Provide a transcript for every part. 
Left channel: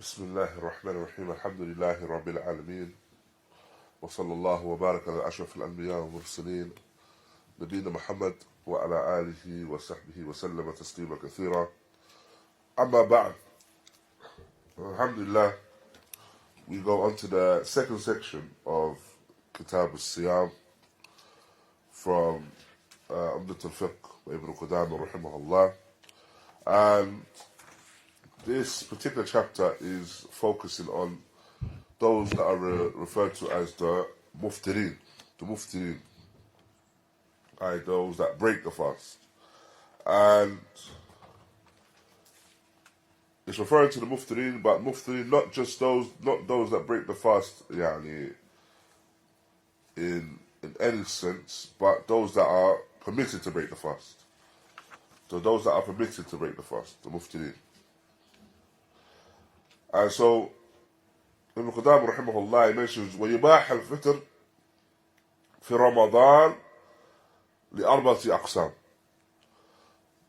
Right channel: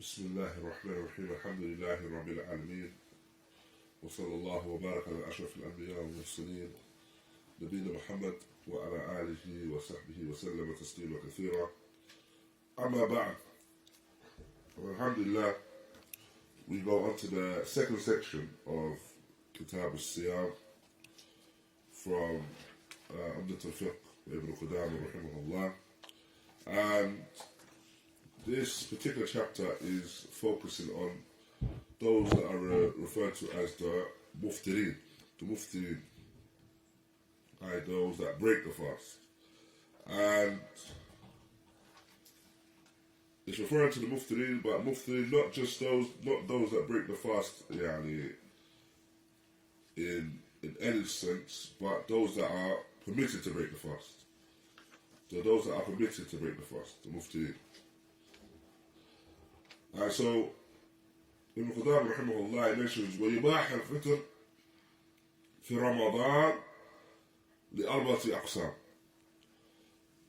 بسم الله الرحمن الرحيم الحمد لله رب العالمين وصلى الله وبارك على أشرف الأنبياء والمرسلين نبينا محمد وعلى آله وصحبه وسلم تسليما كثيرا أما بعد Alhamdulillah, we go on to the second section of Kitab al-Siyam from ʿUmdatul Fiqh by Ibn Qudāmah raḥimahullāh, and this particular chapter is focusing on those that are referred to as the muftireen, those that break the fast. And it's referring to the muftireen, but muftireen not those that break the fast in any sense, but those that are permitted to break the fast. So those that are permitted to break the fast, the muftireen. And so Ibn Qudāmah raḥimahullah mentions وَيُبَاحَ الْفِطْر في رمضان لأربعة أقسام.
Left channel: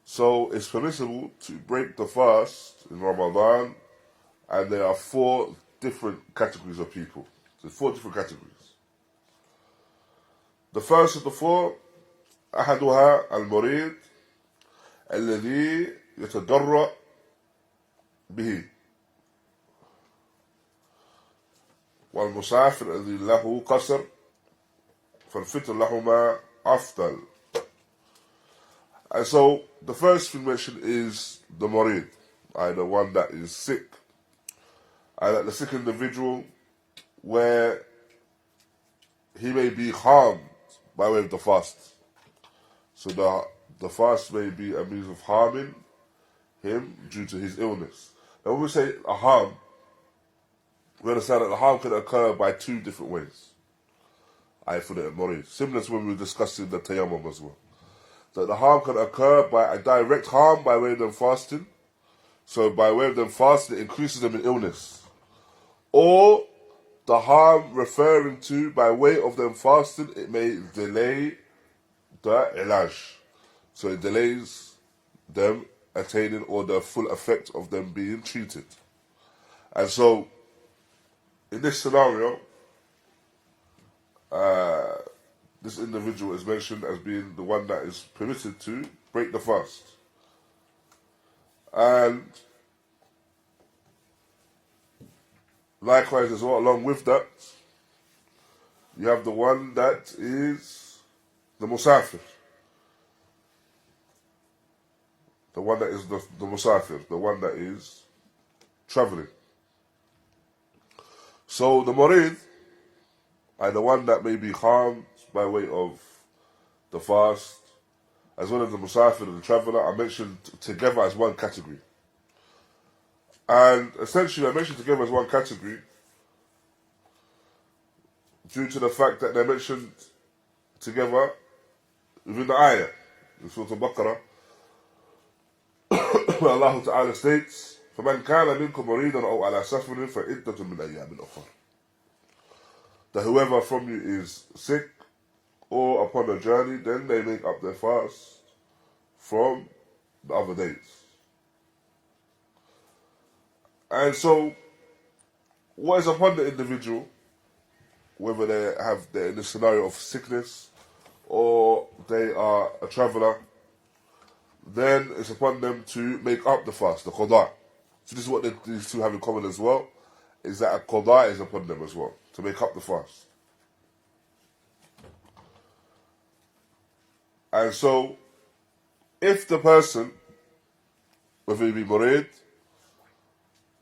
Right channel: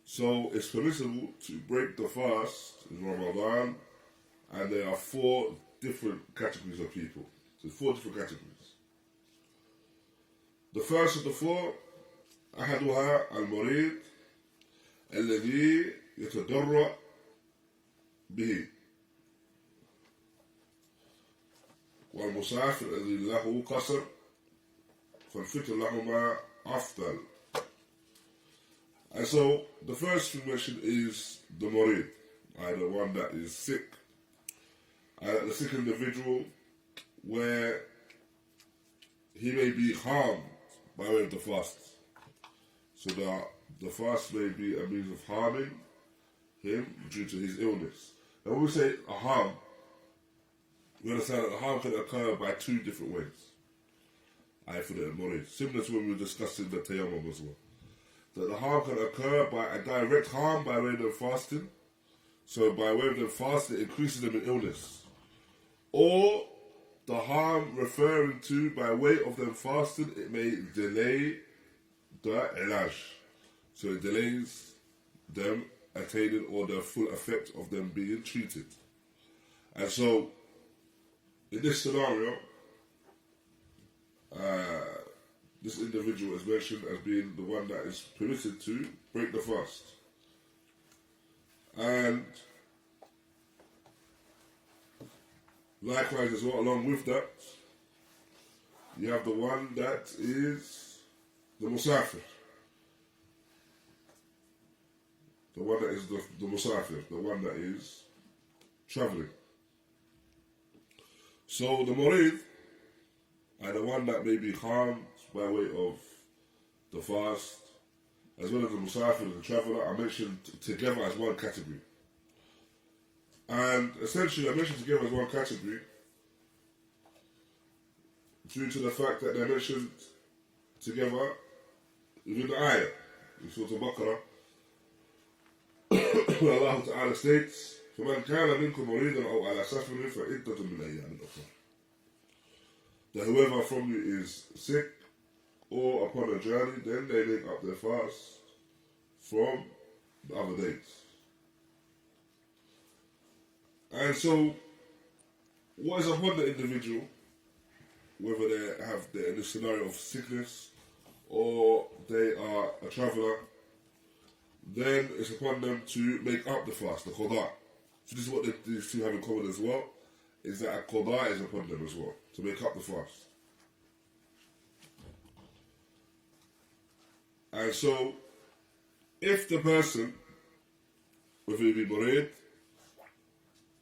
So it's permissible to break the fast in Ramadan, and there are 4 different categories of people. So 4 different categories. The first of the 4, أحدها المريض الذي يتضرع به والمسافر الذي له قصر فالفطر لهما أفضل. And so the first thing mentioned is the murid, the one that is sick, and the sick individual where he may be harmed by way of the fast. So the fast may be a means of harming him due to his illness. Now when we say a harm, we understand that the harm can occur by 2 different ways. For the murid, similar to when we were discussing the tayammum as well. That the harm can occur by a direct harm by way of them fasting. So by way of them fasting, it increases them in illness. Or the harm referring to by way of them fasting, it may delay the ilaj. So it delays them attaining or the full effect of them being treated. And so in this scenario, this individual is mentioned as being the one that is permitted to break the fast. And likewise as well, along with that, you have the one that is the musafir. The one that is the musafir, the one that is traveling. So the murid, the one that may be harmed by way of the fast, as well as the musafir and the traveller, are mentioned together as one category. And essentially I mentioned together as one category due to the fact that they're mentioned together within the āyah in Sūrat al-Baqarah, where Allah Ta'ala states, فَمَنْ كَانَ مِنْكُمْ مَرِيضًا أَوْ عَلَى سَفَرٍ فَعِدَّةٌ مِنْ أَيَّامٍ أُخَرَ. That whoever from you is sick or upon a journey, then they make up their fast from the other days. And so, what is upon the individual, whether they're in a scenario of sickness or they are a traveller, then it's upon them to make up the fast, the qadā. So this is what these 2 have in common as well, is that a qadā is upon them as well, to make up the fast. And so, if the person, whether he be murid,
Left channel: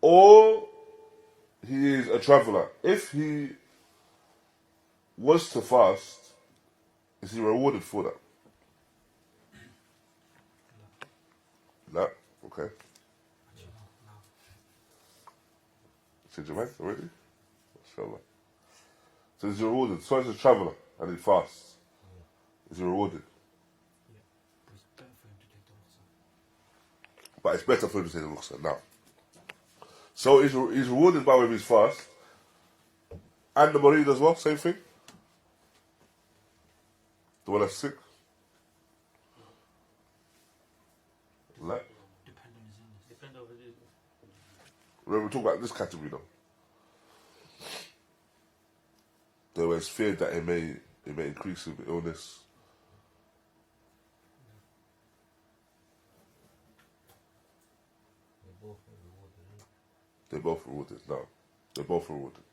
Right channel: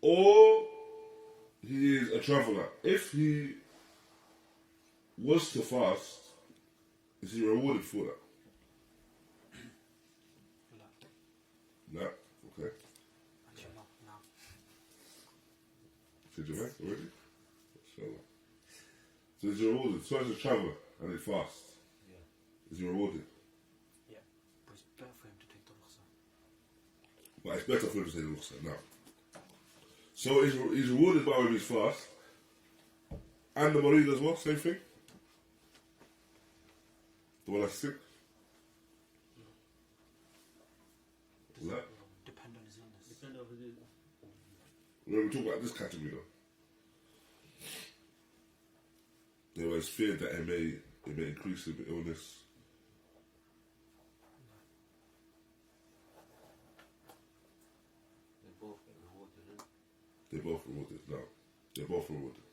or he is a traveller, if he was to fast, is he rewarded for that? No? Okay. Change your mind already? Inshallah. So is he rewarded? So he's a traveller and he fasts. Is he rewarded? Yeah. But it's better for him to take the rukhsah. But it's better for him to take the rukhsah now. So he's rewarded by way of his fast. And the murid as well, same thing? The one that's sick? Depend on his illness. Depend on his We're talking about this category now. There was fear that it may increase with illness. They're both rewarded. No, they're both rewarded.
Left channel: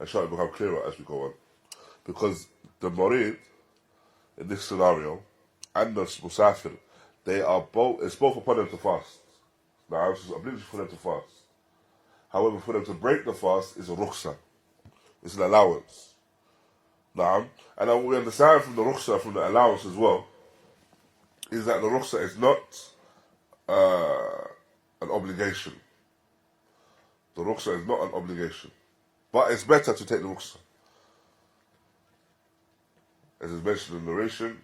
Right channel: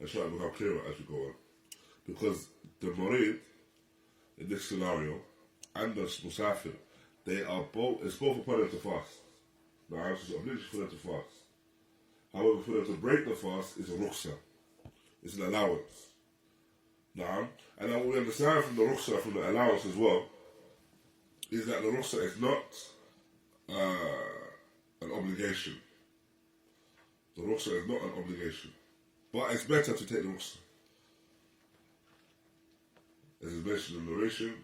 And shall become clearer as we go on. Because the Marid, in this scenario, and the Musafir, it's both upon them to fast. Now, it's obligatory for them to fast. However, for them to break the fast is a rukhsa. It's an allowance. Now, and what we understand from the rukhsa, from the allowance as well, is that the rukhsa is not an obligation. The rukhsa is not an obligation. But it's better to take the rukhsa. As is mentioned in the narration,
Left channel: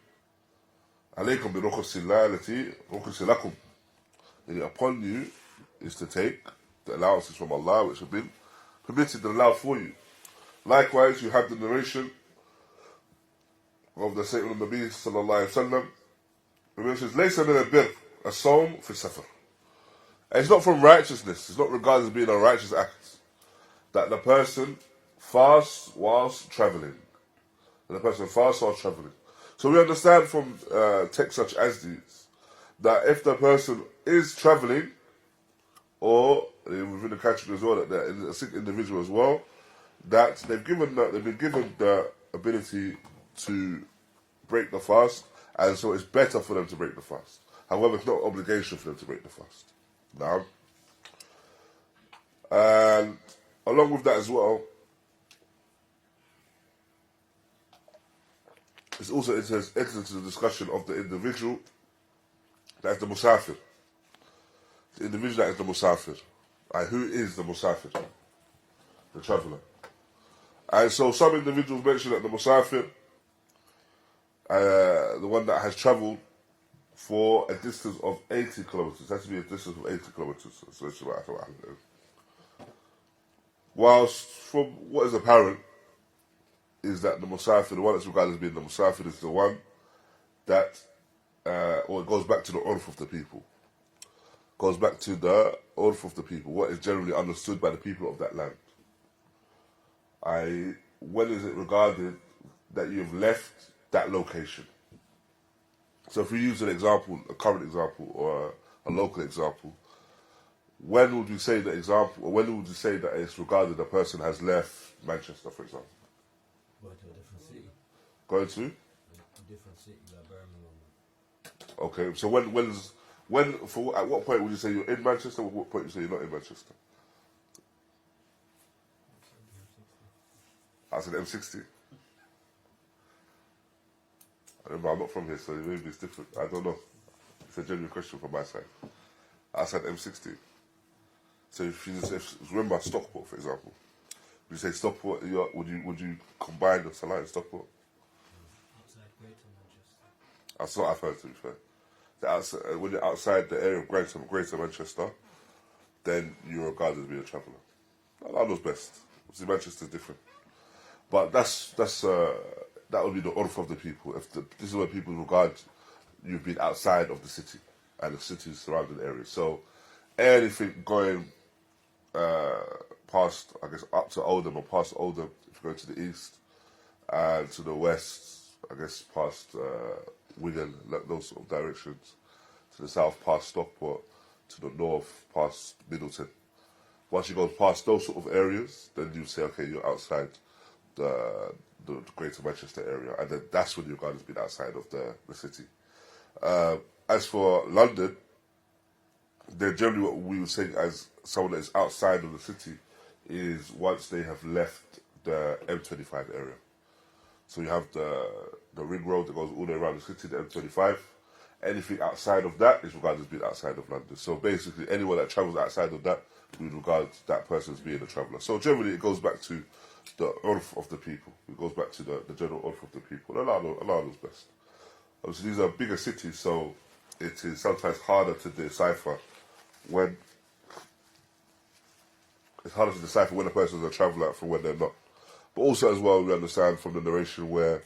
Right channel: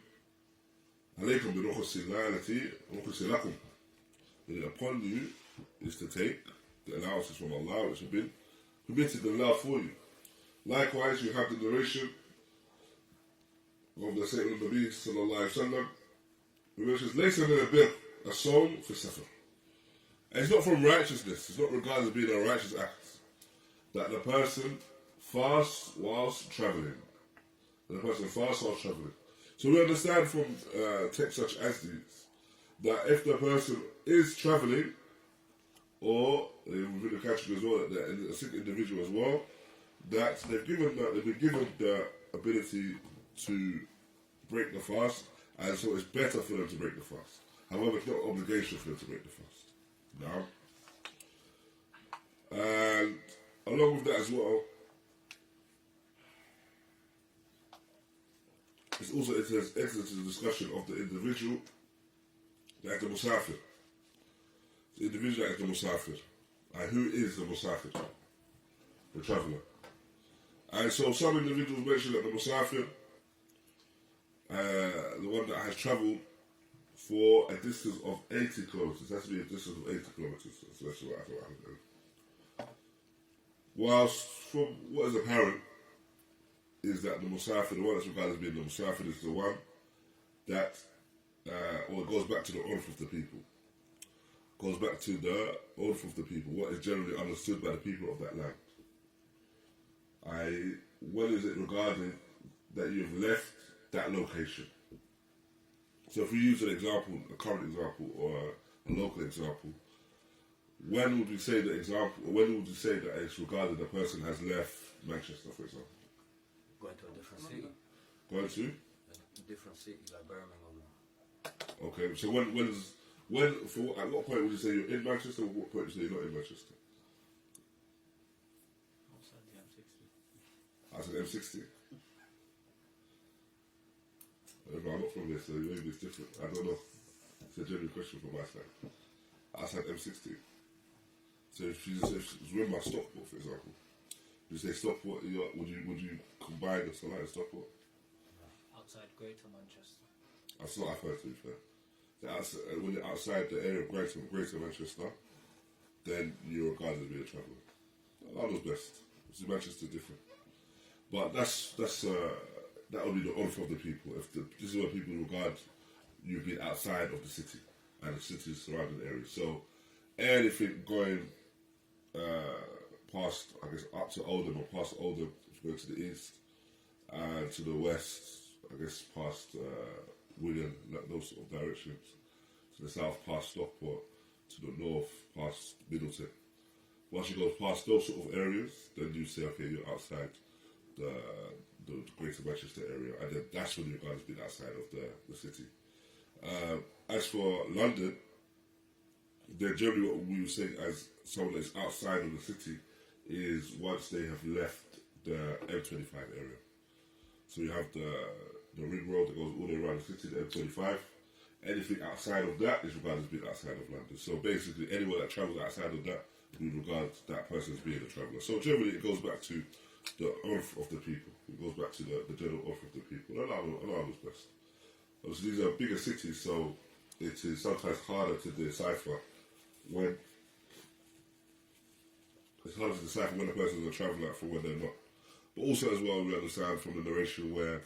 alaykum bi rukhsillahi allati rukhisa lakum. Meaning upon you is to take the allowances from Allah which have been permitted and allowed for you. Likewise, you have the narration of the Sayyid al-Nabi sallallahu alayhi wa sallam, who mentions, laysa min al-birr as-sawm fi safar. It's not from righteousness, it's not regarded as being a righteous act, that the person fasts whilst travelling. So we understand from texts such as these, that if the person is travelling, or within the category as well, that they're a sick individual as well, that they've been given the ability to break the fast, and so it's better for them to break the fast. However, it's not an obligation for them to break the fast. Now, and along with that as well, it enters into the discussion of the individual that is the musafir. The individual that is the musafir. Who is the musafir? The traveller. And so some individuals mention that the musafir, the one that has travelled for a distance of 80 kilometres, has to be a distance of 80 kilometres. So that's what I thought. Whilst from what is apparent, is that the musafir, the one that's regarded as being the musafir, is the one that, or it goes back to the urf of the people. Goes back to the urf of the people, what is generally understood by the people of that land. When is it regarded that you've left that location? So if we use an example, a current example, or a local example, when would we say the example, or when would you say that it's regarded a person has left Manchester, for example? Going to a different city. Going to? A different city, like Birmingham. Okay, so at what point would you say you're in Manchester, or at what point would you say you're not in Manchester? Outside the M60. I don't know, I'm not from here, so maybe it's different. I don't know. It's a genuine question from my side. Outside M60. So remember Stockport, for example. Would you say Stockport? Would you combine the Salah and Stockport? Outside Greater Manchester. That's what I've heard, to be fair. When you're outside the area of Greater Manchester, then you're regarded as being a traveller. Allah knows best. See, Manchester's different, but that would be the urf of the people. This is where people regard you've been outside of the city and the city's surrounding areas. So anything going past, I guess, up to Oldham or past Oldham, if you go to the east, and to the west, I guess, past Wigan, those sort of directions, to the south, past Stockport, to the north, past Middleton. Once you go past those sort of areas, then you say, okay, you're outside the Greater Manchester area, and then that's when your guard has been outside of the city. As for London, then generally what we would say as someone that is outside of the city is once they have left the M25 area. So you have the ring road that goes all the way around the city, the M25. Anything outside of that is regarded as being outside of London. So basically, anyone that travels outside of that, we would regard that person as being a traveller. So generally, it goes back to the urf of the people. It goes back to the general urf of the people. Allah knows best. Obviously, these are bigger cities, so it is sometimes harder to decipher when a person is a traveller from when they're not. But also as well, we understand from the narration where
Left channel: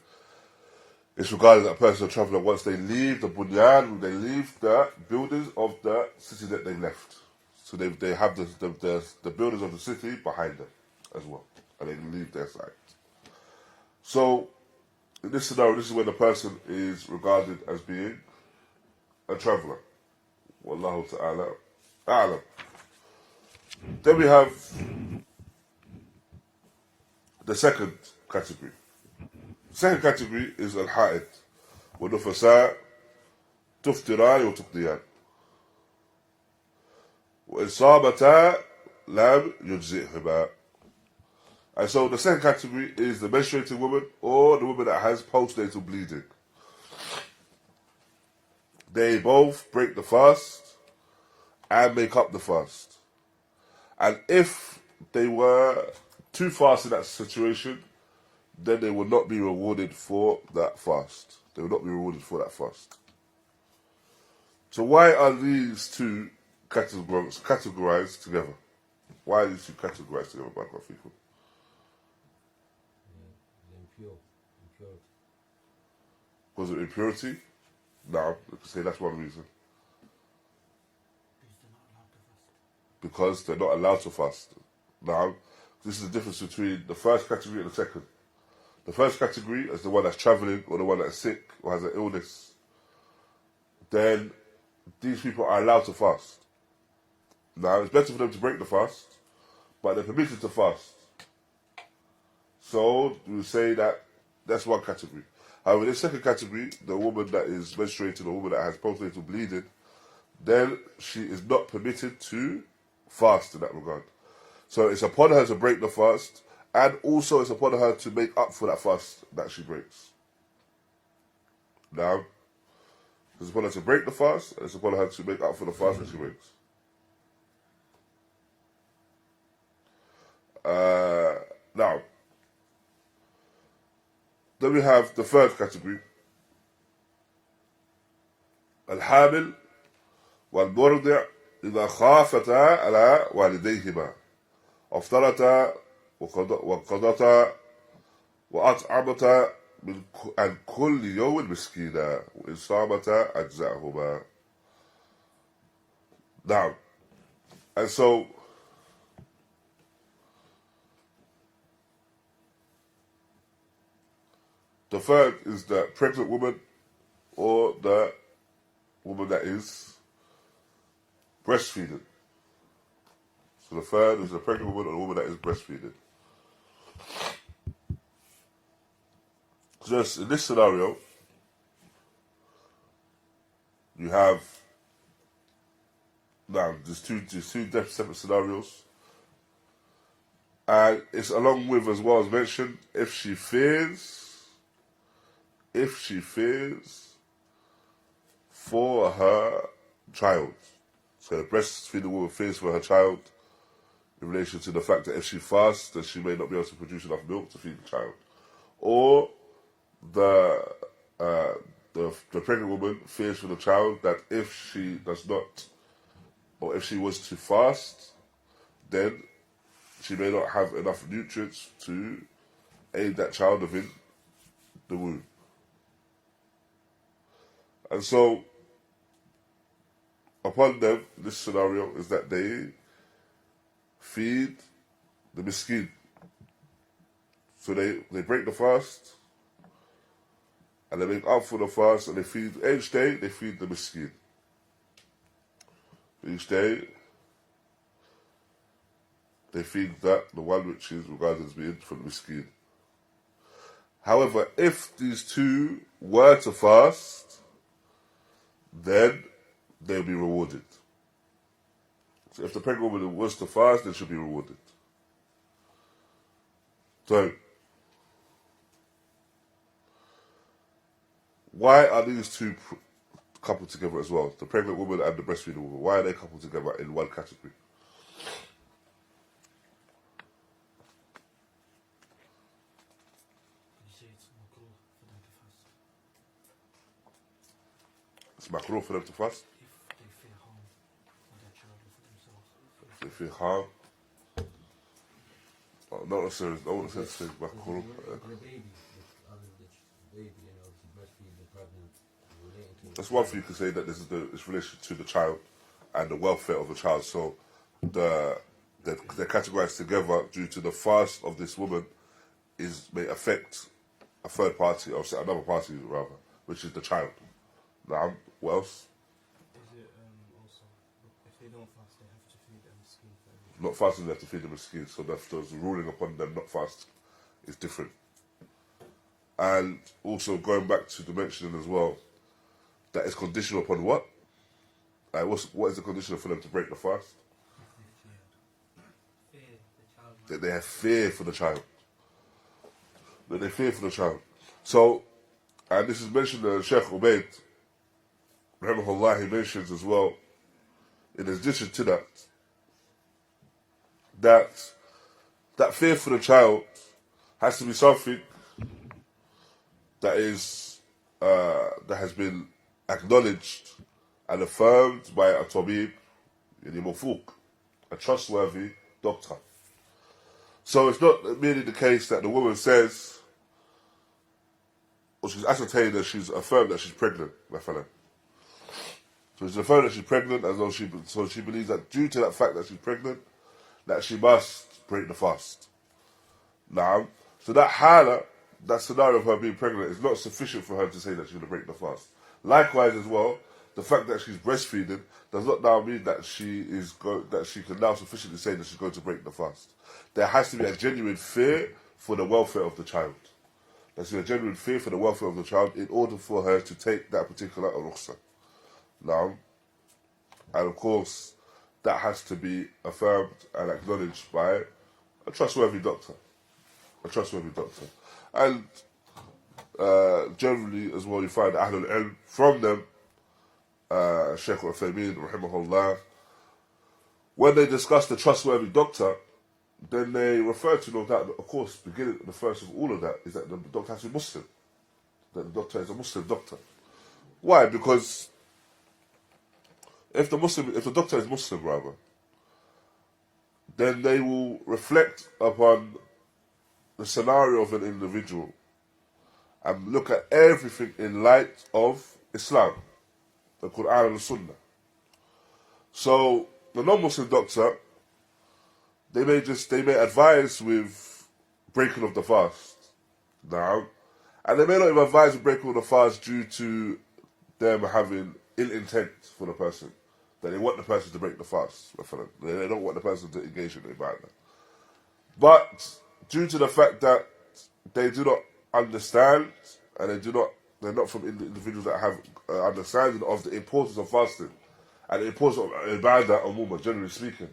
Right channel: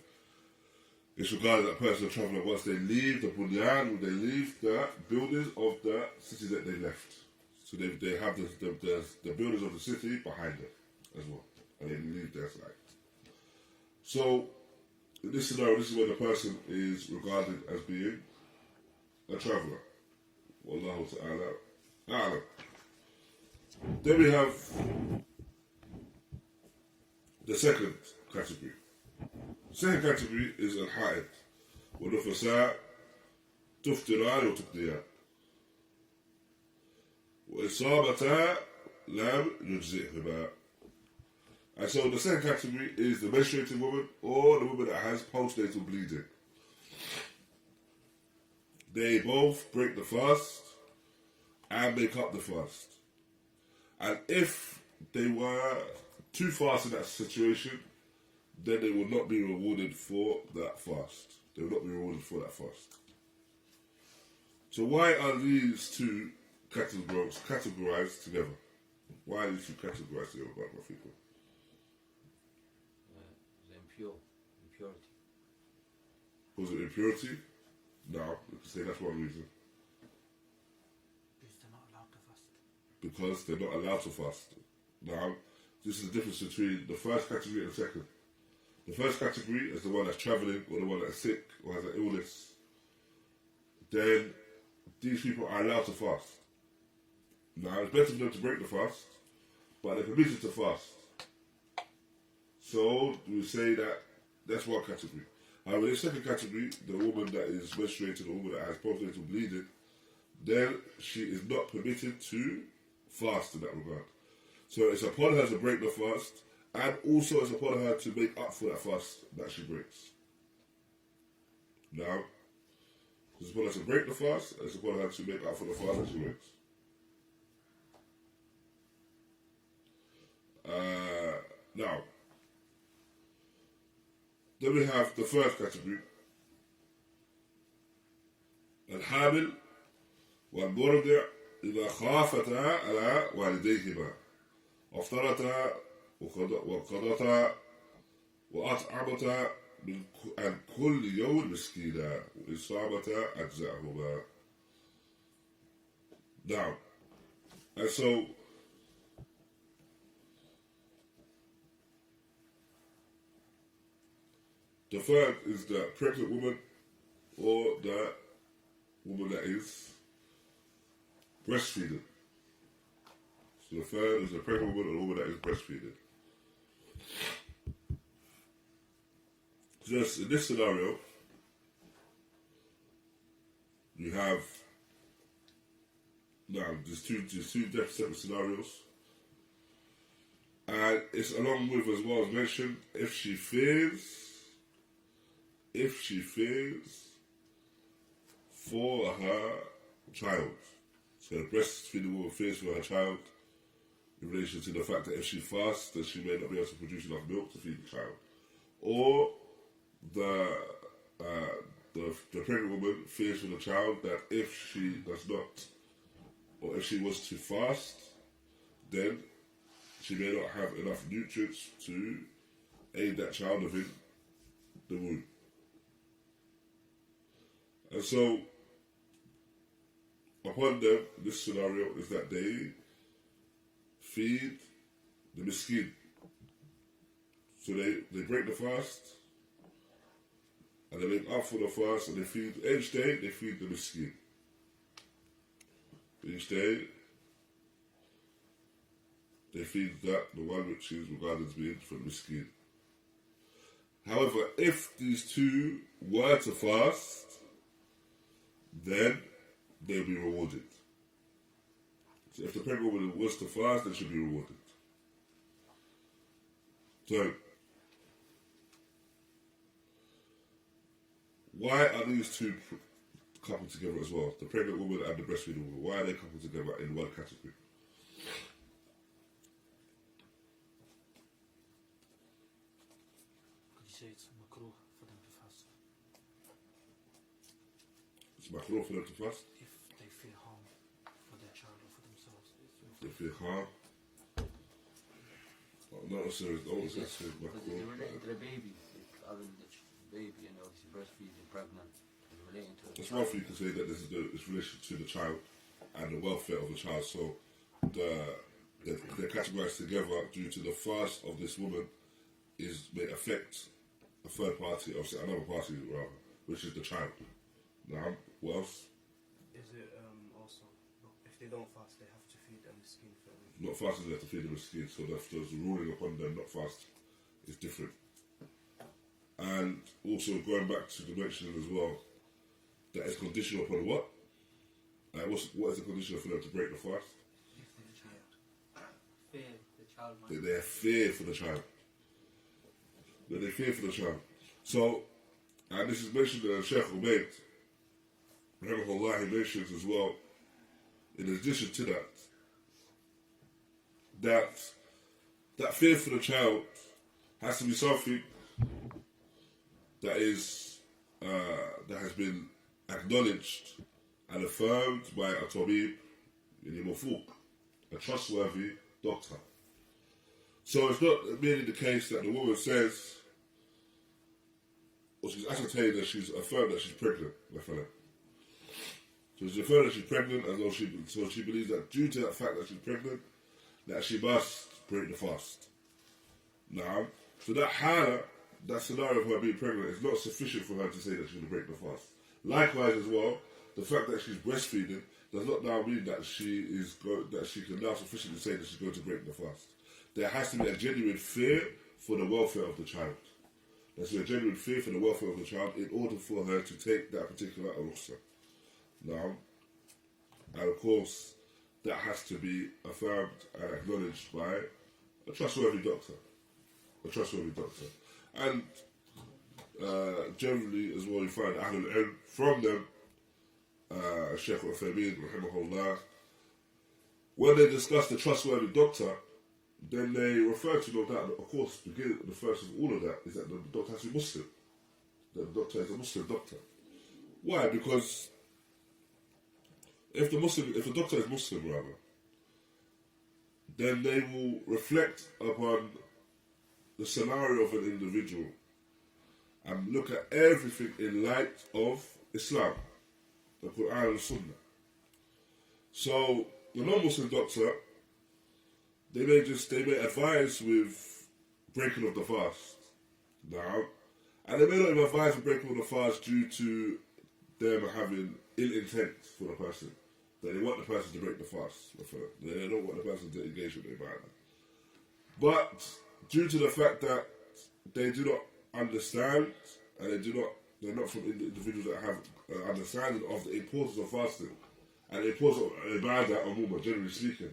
it's regarded that a person is a traveller once they leave the bunyan, they leave the buildings of the city that they left. So they have the builders of the city behind them as well, and they leave their side. So in this scenario, this is when the person is regarded as being a traveller. Wallahu ta'ala a'lam. Then we have the second category. Second category is al-ha'id. وَنُفَسَاء تُفْتِرَانِ وَتُقْدِيَانِ وَإِصَابَتَا لَمْ يُجْزِئْهُمَا. And so the second category is the menstruating woman or the woman that has postnatal bleeding. They both break the fast and make up the fast. And if they were too fast in that situation, then they will not be rewarded for that fast. They will not be rewarded for that fast. So why are these two categorized together? Why are these two categorized together, Barakallahu Feekum? Impurity. Was it impurity? No, we can say that's one reason. Because they're not allowed to fast. Because they're not allowed to fast. Now, this is the difference between the first category and the second. The first category is the one that's traveling or the one that's sick or has an illness. Then these people are allowed to fast. Now, it's better for them to break the fast, but they're permitted to fast. So we say that that's one category. However, in the second category, the woman that is menstruating, the woman that has postnatal bleeding, then she is not permitted to fast in that regard. So it's upon her to break the fast, and also it's upon her to make up for that fast that she breaks. Now, it's upon her to break the fast, and it's upon her to make up for the fast that she breaks. Now, then we have the third category. الحامل والمرضع إذا خافتا على والديهما أفطرتا وقضتا وأطعمتا عن كل يوم مسكينا وإن صامتا أجزأهما. Now, and so the third is the pregnant woman or the woman that is breastfeeding. So the third is the pregnant woman or the woman that is breastfeeding. Just in this scenario, you have now there's two separate scenarios, and it's along with, as well as mentioned, if she fears for her child. So the breastfeeding woman fears for her child in relation to the fact that if she fasts, then she may not be able to produce enough milk to feed the child. Or the pregnant woman fears for the child that if she does not, or if she was to fast, then she may not have enough nutrients to aid that child within the womb. And so, upon them, this scenario is that they feed the miskin. So they break the fast, and they make up for the fast, and they feed, each day, they feed the miskin. Each day, they feed the one which is regarded as being for the miskin. However, if these two were to fast, then they'll be rewarded. So if the pregnant woman was to fast, then she'll be rewarded. So, why are these two coupled together as well? The pregnant woman and the breastfeeding woman. Why are they coupled together in one category? Could you say it's makruh for them to fast? It's makruh for them to fast? If they fear harm for their child or for themselves. If they fear harm? Oh, not necessarily. I wouldn't say it's makruh. The baby, the baby, you know, it's breastfeeding, pregnant, relating to. That's one thing you can say, that this is it's relation to the child and the welfare of the child. So they're categorized together due to the fast of this woman may affect a third party, or another party rather, which is the child. Now, what else? Is it also, if they don't fast, they have to feed a miskin for a week? Not fasting, they have to feed the miskin, so the ruling upon them not fast is different. And also going back to the mentioning as well, that is conditional upon what? What is the condition for them to break the fast? Fear the child. That they have fear for the child. That they fear for the child. So, and this is mentioned in Shaykh ʿUbayd, raḥimahullāh, he mentions as well, in addition to that fear for the child has to be something that has been acknowledged and affirmed by a tabib, a trustworthy doctor. So it's not merely the case that the woman says, or she's ascertained that she's affirmed that she's pregnant, my fellow. So she's affirmed that she's pregnant, so she believes that due to that fact that she's pregnant, that she must break the fast. Now, so that hala, that scenario of her being pregnant is not sufficient for her to say that she's going to break the fast. Likewise as well, the fact that she's breastfeeding does not now mean that she can now sufficiently say that she's going to break the fast. There has to be a genuine fear for the welfare of the child. There has to be a genuine fear for the welfare of the child in order for her to take that particular rukhsah. Now, and of course, that has to be affirmed and acknowledged by a trustworthy doctor. A trustworthy doctor. And generally as well, you find Ahlul Ilm from them, Shaykh raḥimahullah, when they discuss the trustworthy doctor, then they refer to, no doubt, of course, beginning the first of all of that is that the doctor has to be Muslim. That the doctor is a Muslim doctor. Why? Because if the doctor is Muslim, rather, then they will reflect upon the scenario of an individual and look at everything in light of Islam, the Quran and the Sunnah. So the non-Muslim doctor, they may advise with breaking of the fast now, and they may not even advise with breaking of the fast due to them having ill intent for the person, that they want the person to break the fast. They don't want the person to engage in ibadah. But due to the fact that they do not understand, and they're not from individuals that have understanding of the importance of fasting and the importance of ibadah umumah, generally speaking.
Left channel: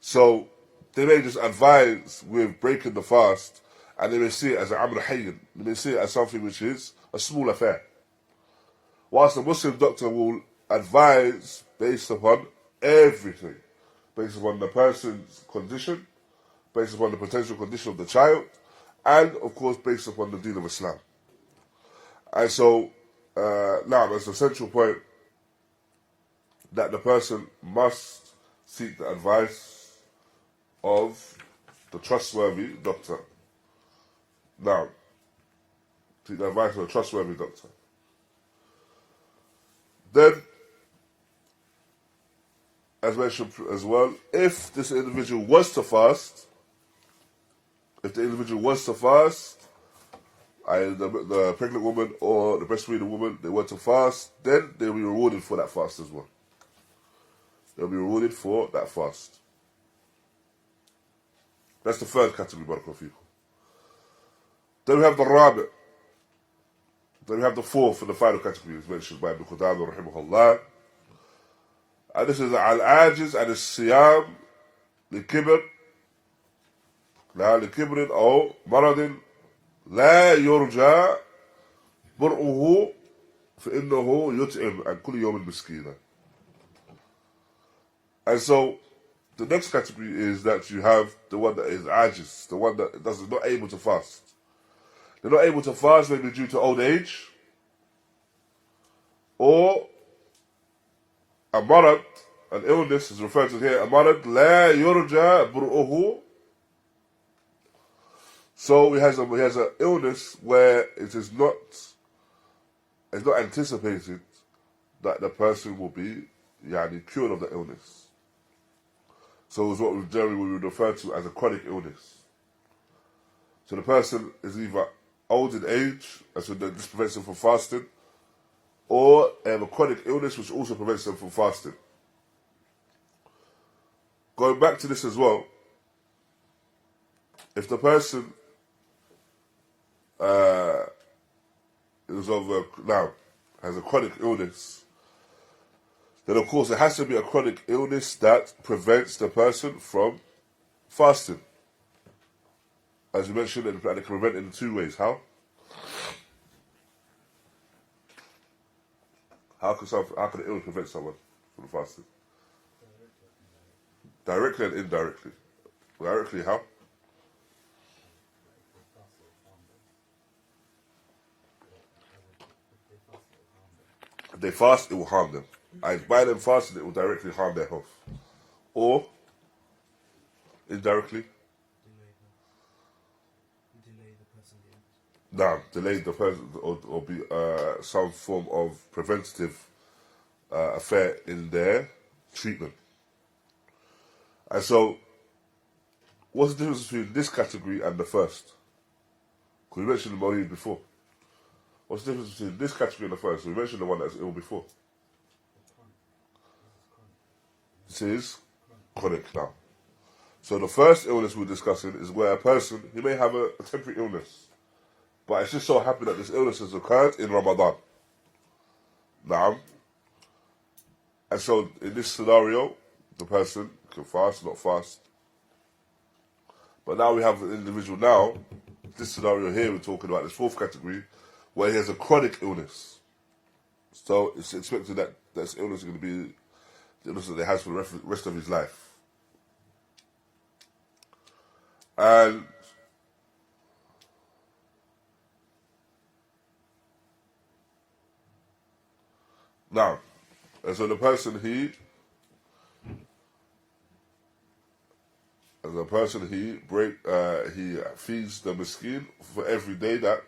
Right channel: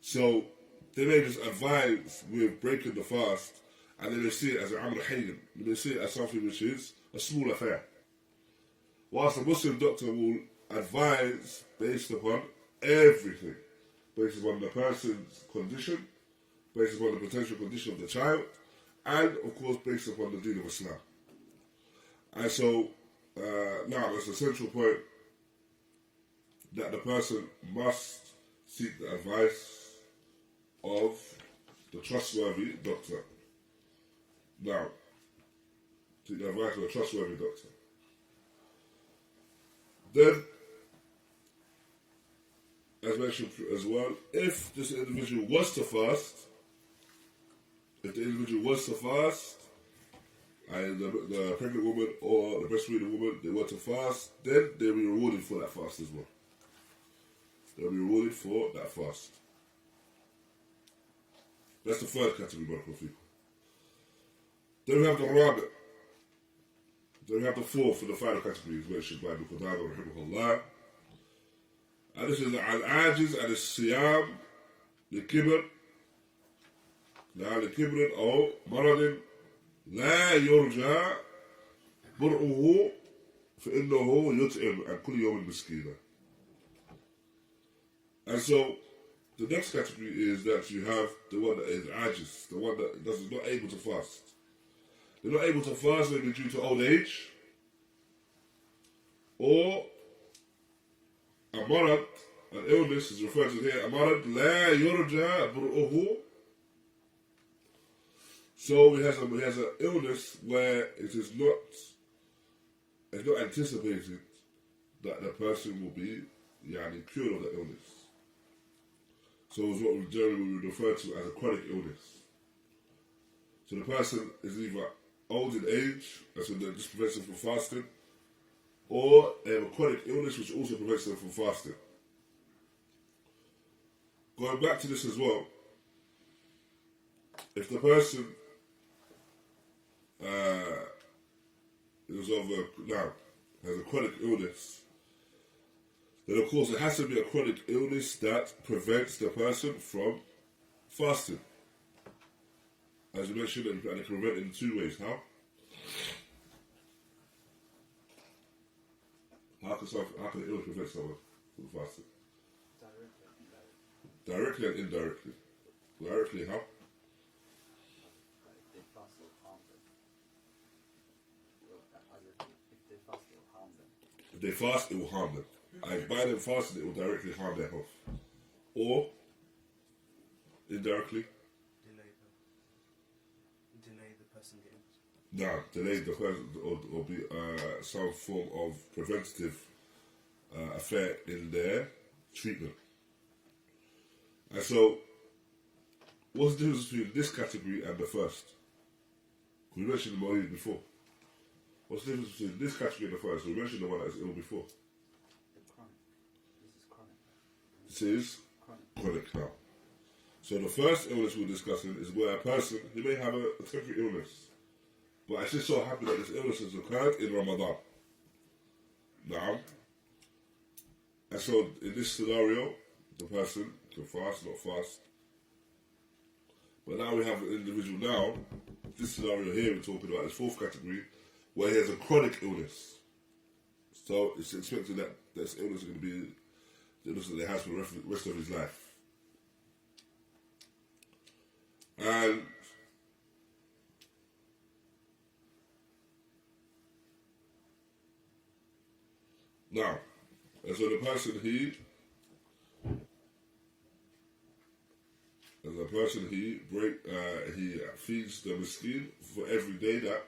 So they may just advise with breaking the fast, and they may see it as an amr hayyin. They may see it as something which is a small affair. Whilst the Muslim doctor will advise based upon everything, based upon the person's condition, based upon the potential condition of the child, and of course based upon the deen of Islam. And so, now it's a central point that the person must seek the advice of the trustworthy doctor. Now, seek the advice of a trustworthy doctor. Then, as mentioned as well, if this individual was to fast, the pregnant woman or the breastfeeding woman, they were to fast, then they'll be rewarded for that fast as well. They'll be rewarded for that fast. That's the third category, barakallahu fikum. Then we have the rabi'. Then we have the fourth and the final category, as mentioned by Ibn Qudāmah, raḥimahullah. And this is al-ajiz and al-siyam لكبر لكبر أو مرض لا يرجى برؤه فإنه يطعم عن كل يوم مسكينا. And so the next category is that you have the one that is ajiz, the one that is not able to fast. They're not able to fast maybe due to old age, or a marad, an illness is referred to here, a marad لا يرجى برؤه. So he has an illness where it's not anticipated that the person will be cured of the illness. So it's what we generally would refer to as a chronic illness. So the person is either old in age, and so this prevents them from fasting, or they have a chronic illness which also prevents them from fasting. Going back to this as well, if the person has a chronic illness, then of course it has to be a chronic illness that prevents the person from fasting. As you mentioned, and it can prevent in two ways. How? How can an illness prevent someone from fasting? Directly and indirectly. Directly, how? If they fast, it will harm them. And by them fasting, it will directly harm their health. Or, indirectly, delay the person getting. no, delay the person, or be some form of preventative affair in their treatment. And so, what's the difference between this category and the first? Because we mentioned the Marid before. What's the difference between this category and the first? We mentioned the one that's ill before. This is chronic now. So the first illness we're discussing is where a person, he may have a temporary illness, but it's just so happened that this illness has occurred in Ramadan. Naam. And so in this scenario, the person can fast, not fast. But now we have an individual now, this scenario here we're talking about, this fourth category, where he has a chronic illness. So it's expected that this illness is going to be the illness that he has for the rest of his life. And now, and so the person he feeds the miskin for every day that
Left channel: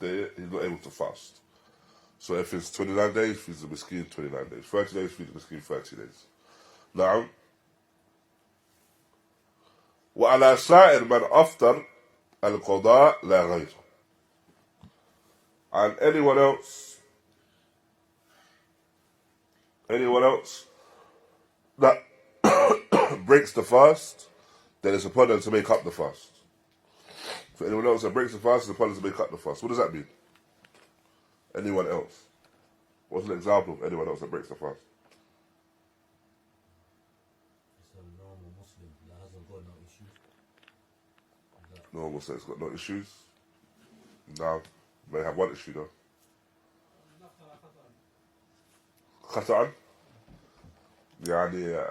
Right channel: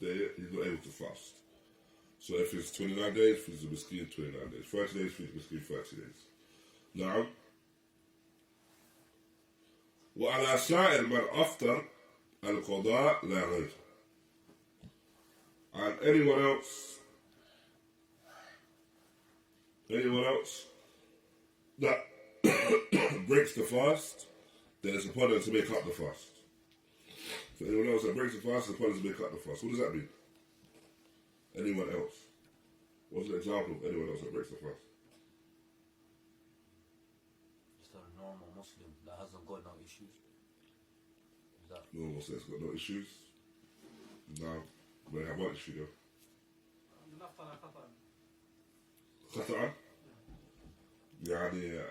he's not able to fast. So if it's 29 days, feeds the miskin 29 days. 30 days, feeds the miskin 30 days. Now, وعلى سائر من أفطر القضاء لا غير. And anyone else that breaks the fast, then it's upon them to make up the fast. For anyone else that breaks the fast, it's upon them to make up the fast. What does that mean? Anyone else? What's an example of anyone else that breaks the fast? Just a normal Muslim that hasn't got no issues. Normal Muslim that's got no issues. Now, may have one issue though. خطأ يعني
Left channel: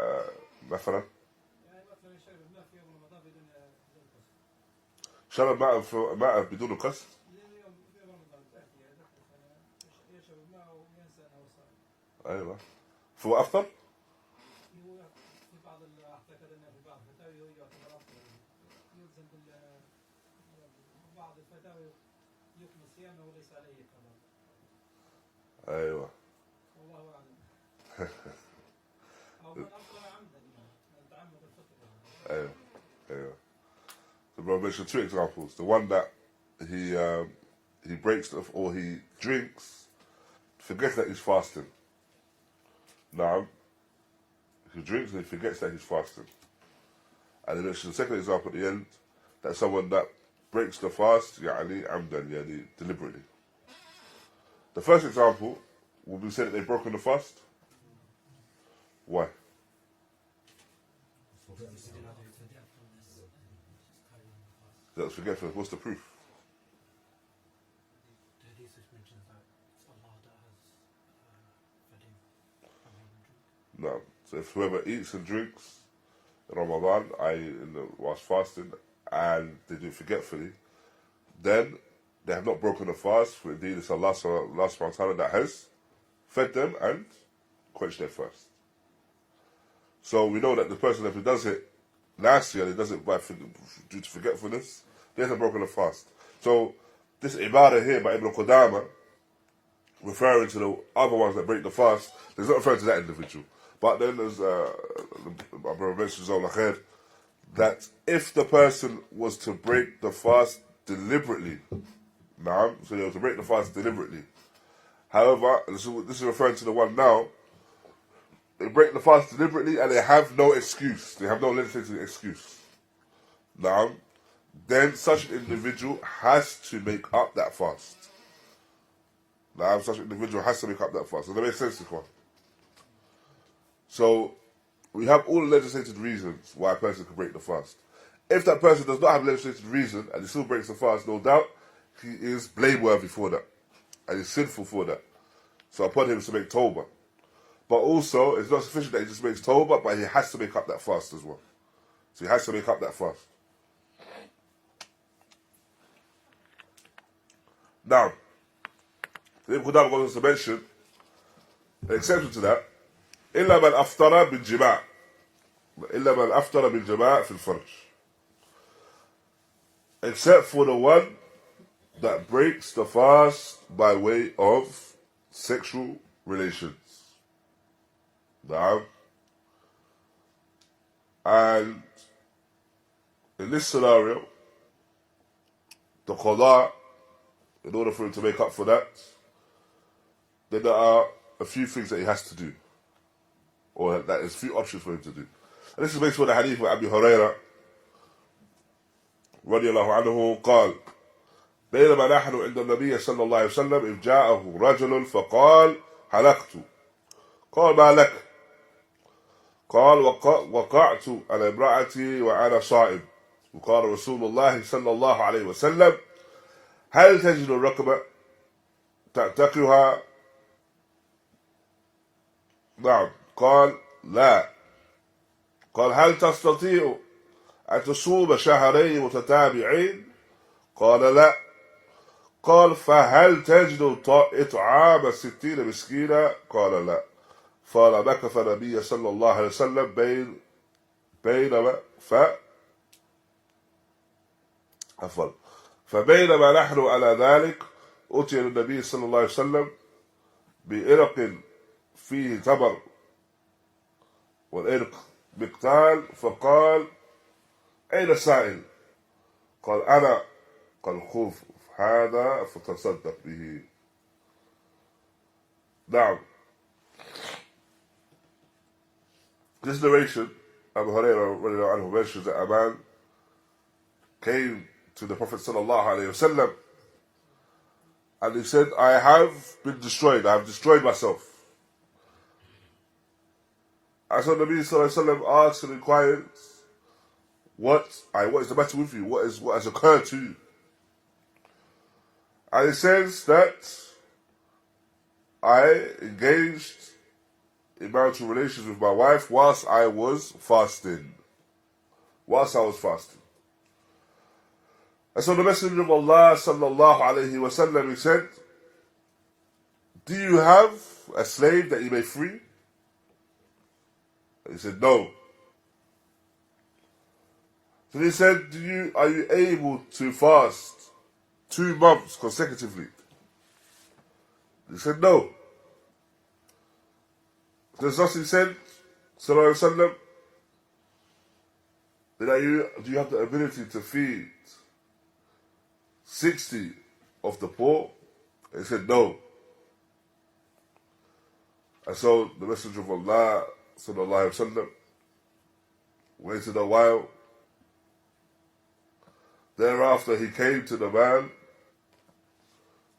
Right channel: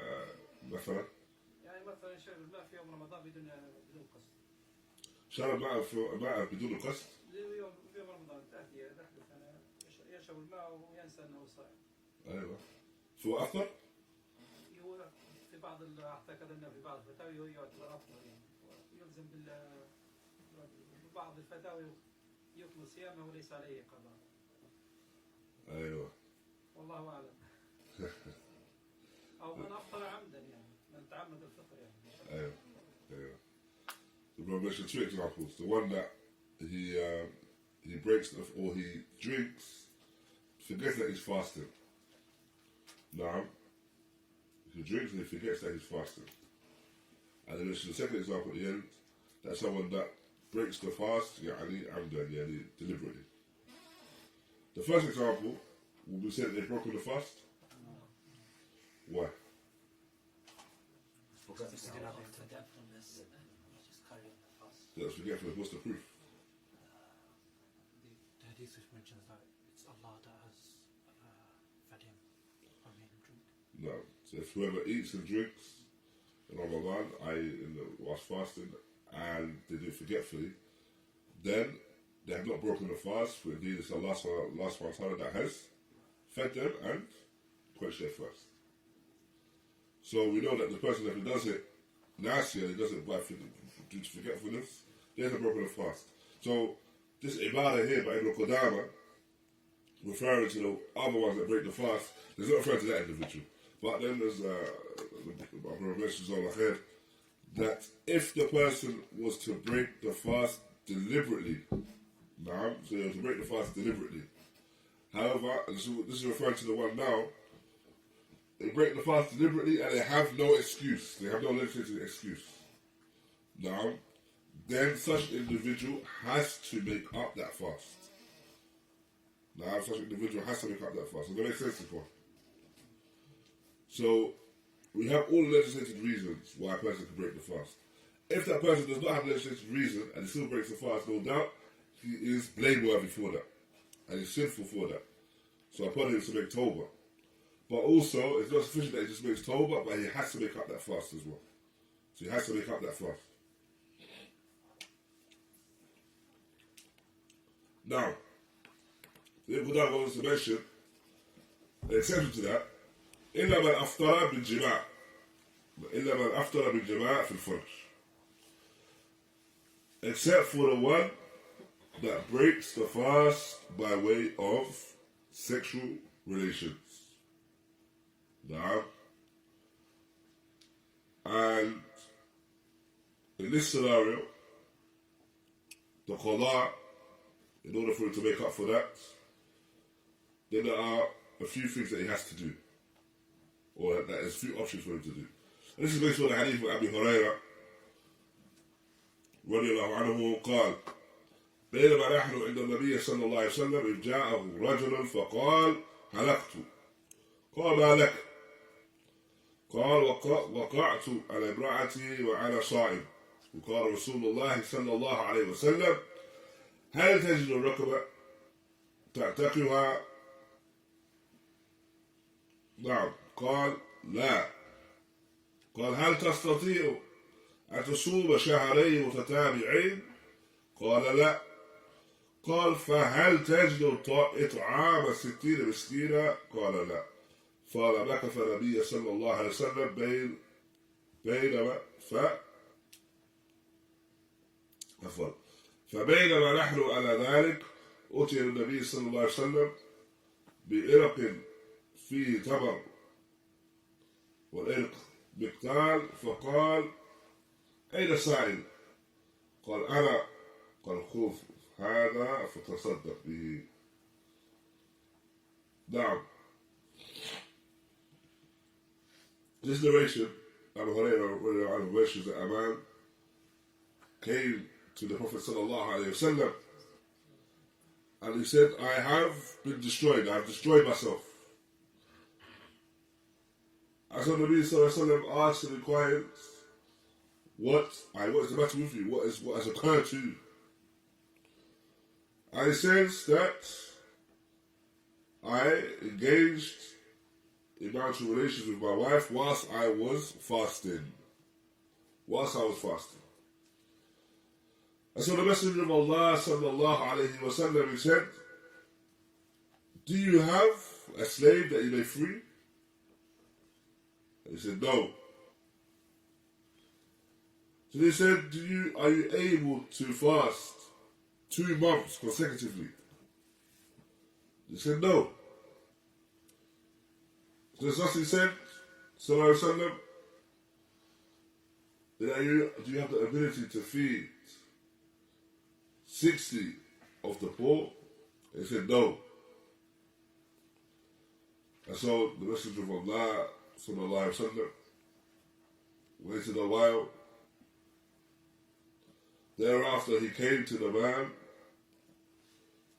مثلا شرب الماء في يوم رمضان بدون قصد. شرب ماء بدون قصد. في يوم رمضان دخل السنة يشرب الماء وينسى أنه صائم. أيوة. فهو أفطر؟ في بعض أعتقد أنه في بعض الفتاوى يعتبر أفطر. يلزم بعض الفتاوى يكمل صيامه وليس عليه قضاء. أيوة. والله أعلم. أو من أفطر عمدا يعني من تعمد الفطر يعني. أيوة. The brother mentioned two examples. The one that he breaks or he drinks, forgets that he's fasting. Now, he drinks and he forgets that he's fasting. And then mentioned the second example at the end, that someone that breaks the fast, يعني عمدا, يعني deliberately. The first example, would we say that they've broken the fast? Why? That's forgetfulness. What's the proof? The hadith which mentions that it's Allah that has fed him from eating and drink. No. So if whoever eats and drinks in Ramadan, whilst fasting, and they do it forgetfully, then they have not broken the fast, for indeed it's Allah subhanahu wa ta'ala that has fed them and quenched their thirst. So we know that the person, if he does it last year, he does it due to forgetfulness, they hasn't broken the fast. So this ibadah here by Ibn Qudāmah, referring to the other ones that break the fast, he's not referring to that individual. But then as my brother mentions on the that if the person was to break the fast deliberately, so they were to break the fast deliberately. However, this is referring to the one now, they break the fast deliberately and they have no excuse. They have no legislative excuse. Then such an individual has to make up that fast. Such an individual has to make up that fast. Does that make sense, Ikhwan? So, we have all the legislated reasons why a person can break the fast. If that person does not have a legislated reason and he still breaks the fast, no doubt, he is blameworthy for that. And he's sinful for that. So upon him to make tawbah. But also, it's not sufficient that he just makes tawbah, but he has to make up that fast as well. So he has to make up that fast. Now, Ibn Qudāmah goes on to mention an exception to that. إلا من أفطر بالجماع إلا من أفطر بالجماع في الفرج, except for the one that breaks the fast by way of sexual relations. And in this scenario, the qadā, in order for him to make up for that, then there are a few things that he has to do, or that there's a few options for him to do. And this is based on the hadith of Abu Hurairah رضي الله عنه قال بينما نحن عند النبي صلى الله عليه وسلم إذ جاءه رجل فقال حلقت قال ما لك قال وقعت على امرأتي وأنا صائم وقال رسول الله صلى الله عليه وسلم هل تجد الرقبة تعتقها نعم قال لا قال هل تستطيع أن تصوم شهرين متتابعين قال لا قال فهل تجد إطعام 60 مسكينا قال لا قال مكث النبي صلى الله عليه وسلم فبينما نحن على ذلك أتي النبي صلى الله عليه وسلم بإرق فيه تمر والإرق مقتال فقال أين السائل قال أنا قال خذ هذا فتصدق به. Now, this narration, Abu Hurairah mentions that a man came to the Prophet sallallahu alaihi wasallam and he said, I have been destroyed, I have destroyed myself. And so the Nabi sallallahu alaihi wasallam asked and inquired, what is the matter with you? What has occurred to you? And he says that I engaged in marital relations with my wife whilst I was fasting. And so the Messenger of Allah sallallahu alayhi wa sallam, he said, do you have a slave that you may free? And he said, no. So he said, are you able to fast 2 months consecutively? He said, no. So he said, sallallahu alayhi wa sallam, do you have the ability to feed 60 of the poor? And he said, no. And so the Messenger of Allah sallallahu alayhi wa sallam waited a while. Thereafter he came to the man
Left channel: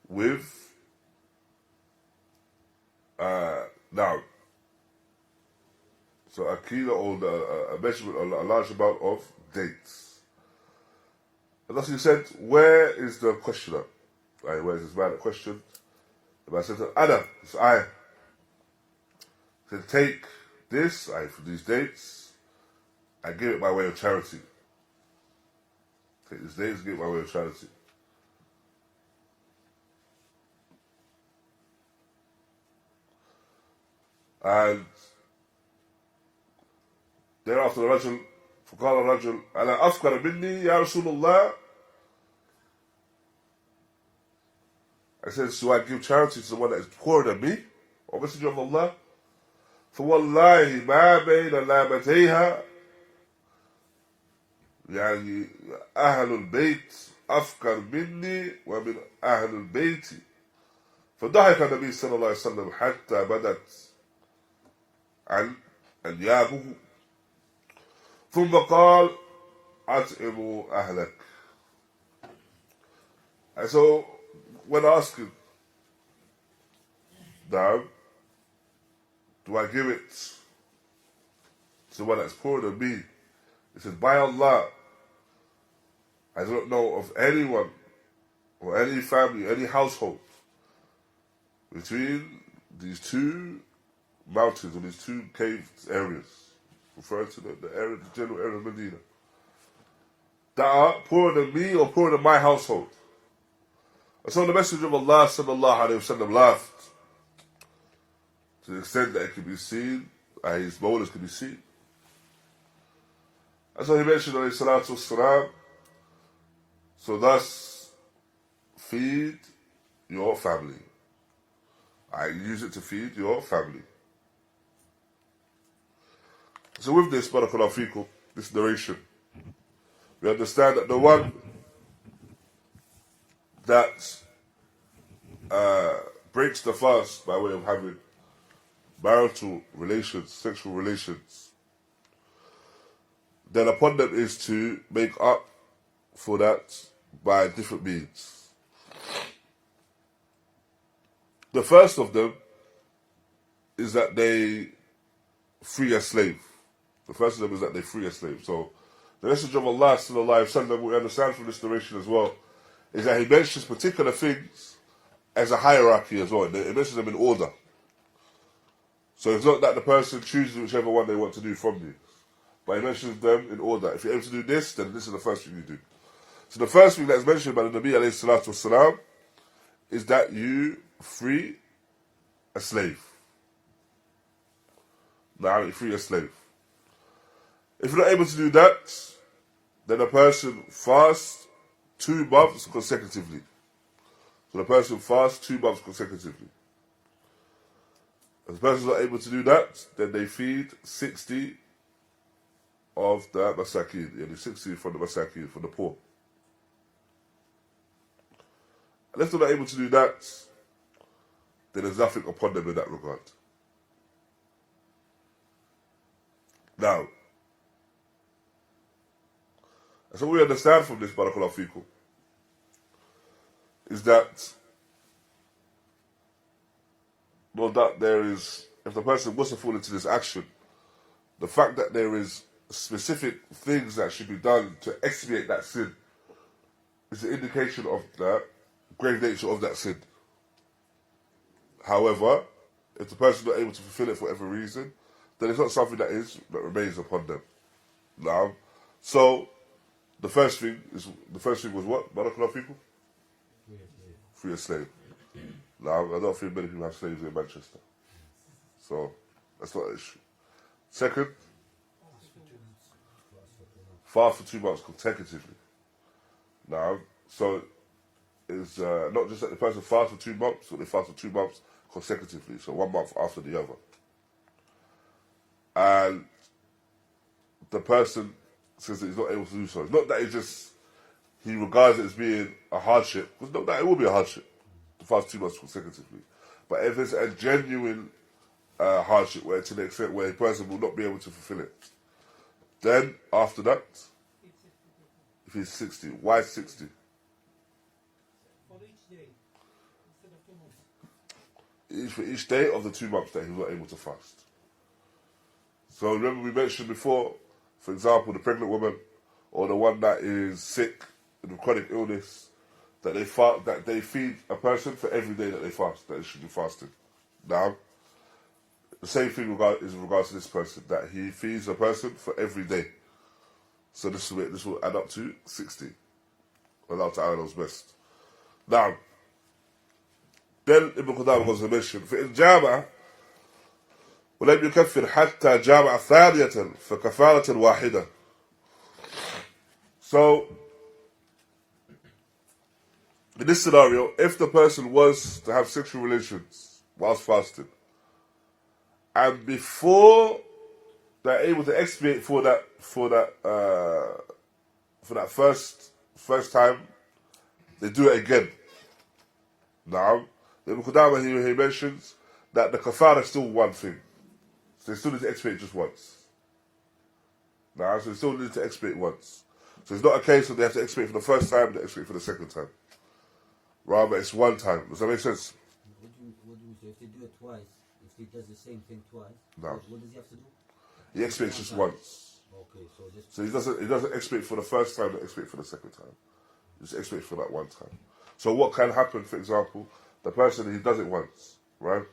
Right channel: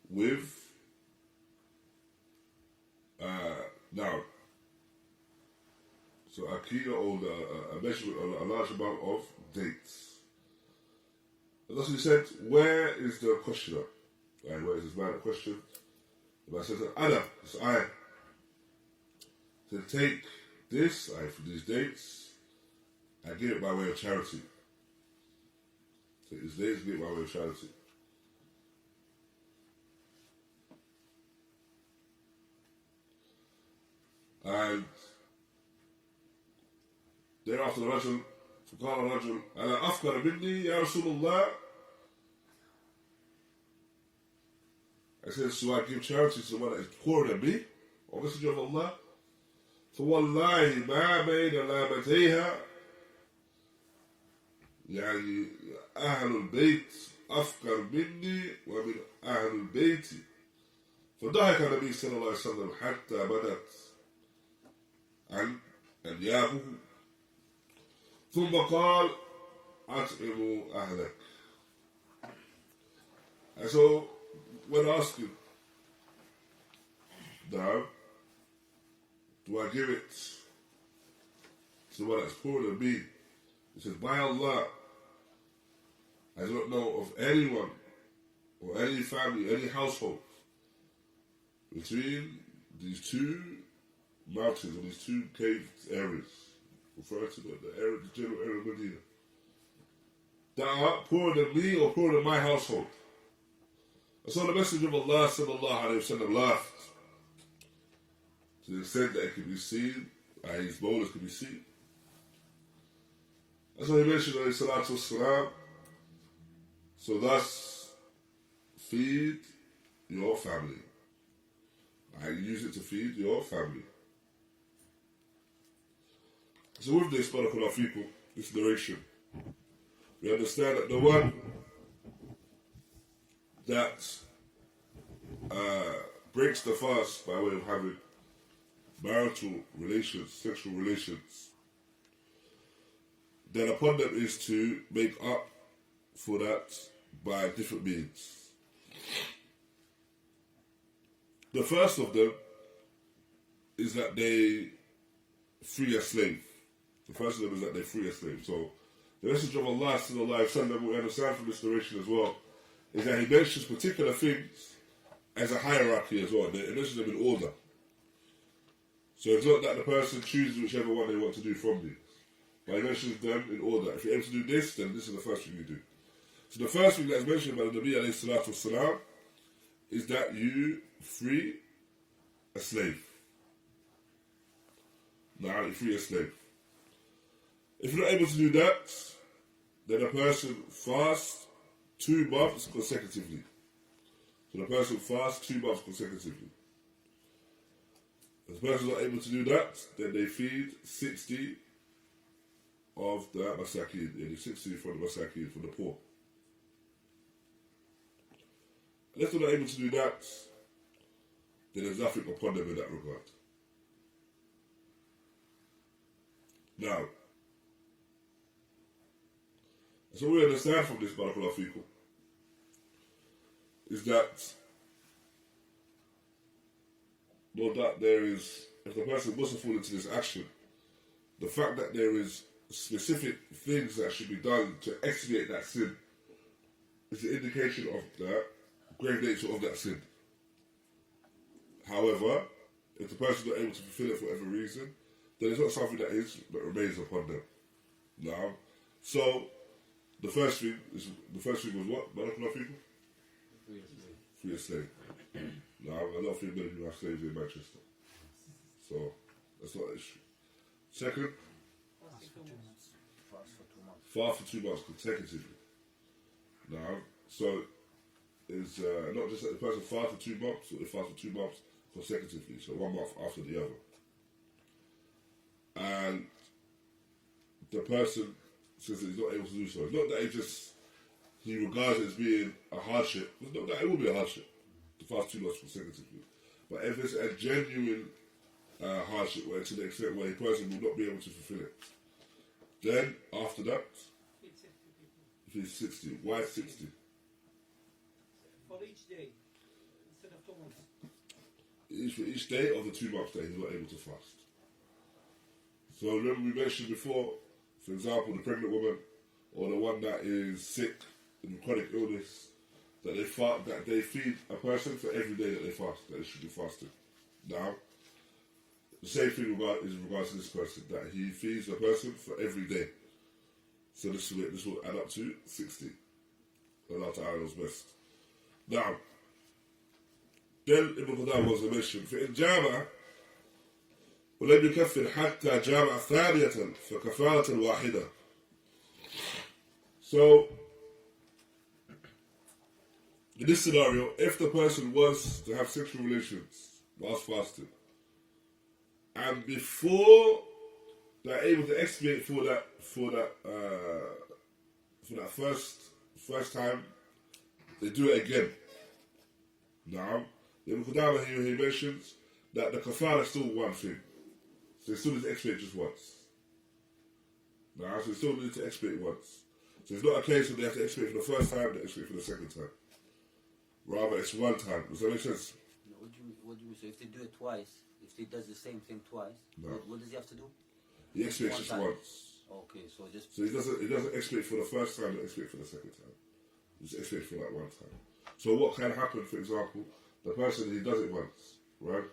with so a kilo or a measurement, a large amount of dates. And thus he said, where is the questioner? Right, where is this man that questioned? The man said, Ana, it's I. He said, take this, for these dates, and give it by way of charity. Take these dates and give it by way of charity. And thereafter the Rajul, فقال الرجل ألا أفقر مني يا رسول الله. I said, so I give charity to the one that is poorer than me, O Messenger of Allah? فوالله ما بين لابتيها يعني أهل البيت أفقر مني ومن أهل البيت. فضحك النبي صلى الله عليه وسلم حتى بدت عن أنيابه ثم قال أطعموا أهلك. And so when asking, now, do I give it to the one that's poorer than me? He says, by Allah, I do not know of anyone or any family, any household between these two mountains or these two cave areas, referring to the area, the general area of Medina, that are poorer than me or poorer than my household. And so the Messenger of Allah sallallahu alayhi wa sallam laughed to the extent that it could be seen, his molars could be seen. And so he mentioned alayhi salatu wassalam, so thus feed your family. I use it to feed your family. So with this, barakallahu feekum, this narration, we understand that the one that breaks the fast by way of having marital relations, sexual relations, then upon them is to make up for that by different means. The first of them is that they free a slave. The first of them is that they free a slave. So the Messenger of Allah sallallahu alaihi wasallam, we understand from this narration as well, is that he mentions particular things as a hierarchy as well. He mentions them in order. So it's not that the person chooses whichever one they want to do from these, but he mentions them in order. If you're able to do this, then this is the first thing you do. So the first thing that's mentioned by the Nabi alayhi salatu wasalam is that you free a slave. Now, you free a slave. If you're not able to do that, then a person fasts 2 months consecutively. So the person fasts 2 months consecutively. If the person is not able to do that, then they feed 60 of the masakin, 60 from the masakin, from the poor. And if they're not able to do that, then there's nothing upon them in that regard. Now, so what we understand from this, barakallahu feekum, is that, well, that there is, if the person was to fall into this action, the fact that there is specific things that should be done to expiate that sin is an indication of the grave nature of that sin. However, if the person is not able to fulfill it for whatever reason, then it's not something that remains upon them. Now, so the first thing was what? Barakallahu feekum? Free a slave. Now, I don't think many people have slaves in Manchester, so that's not an issue. Second, fast for 2 months consecutively. Now, so it's not just that the person fasts for 2 months, but they fast for 2 months consecutively, so 1 month after the other. And the person says that he's not able to do so. It's not that he regards it as being a hardship, because not that it will be a hardship to fast 2 months consecutively. But if it's a genuine hardship, where to the extent where a person will not be able to fulfill it, then after that, if he's 60, why 60? For each day, instead of 2 months. For each day of the 2 months that he was not able to fast. So remember we mentioned before, for example, the pregnant woman or the one that is sick with chronic illness, that they feed a person for every day that they fast, that they should be fasting. Now, the same thing is in regards to this person, that he feeds a person for every day. So this will add up to 60. Allah Ta'ala knows best. Now, then Ibn Qudāmah goes to mention, فإن جامع ولم يكفر حتى جامع ثانية فكفارة واحدة. So, in this scenario, if the person was to have sexual relations whilst fasting, and before they're able to expiate for that first time, they do it again. Now, the Qudāmah he mentions that the Kaffārah is still one thing. So they still need to expiate just once. Now, so they still need to expiate once. So it's not a case of they have to expiate for the first time and they expiate for the second time. Rather, it's one time. Does that make sense? What do you mean? So if they do it twice, if he does the same thing twice, No. what does he have to do? He expiates just once. Okay, so just... So he doesn't expiate for the first time, he expiate for the second time. He just expiates for that one time. So what can happen, for example, the person, he does it once, right?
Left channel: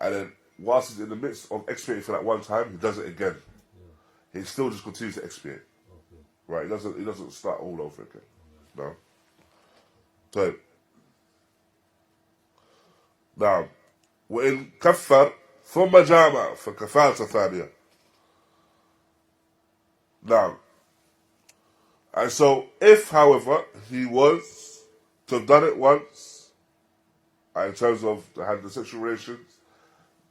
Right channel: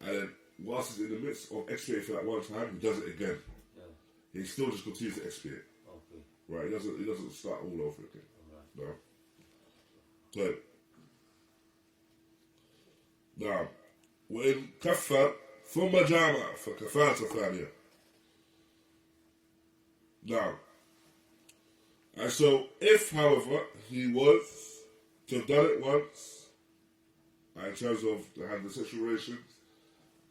And then whilst he's in the midst of expiating for that one time, he does it again. Yeah. He still just continues to expiate. Okay. Right? He doesn't start all over again. Right. No. So now, وإن كفر ثم جامع فكفارة ثانية. Now, and so if, however, he was to have done it once, in terms of having the sexual relations,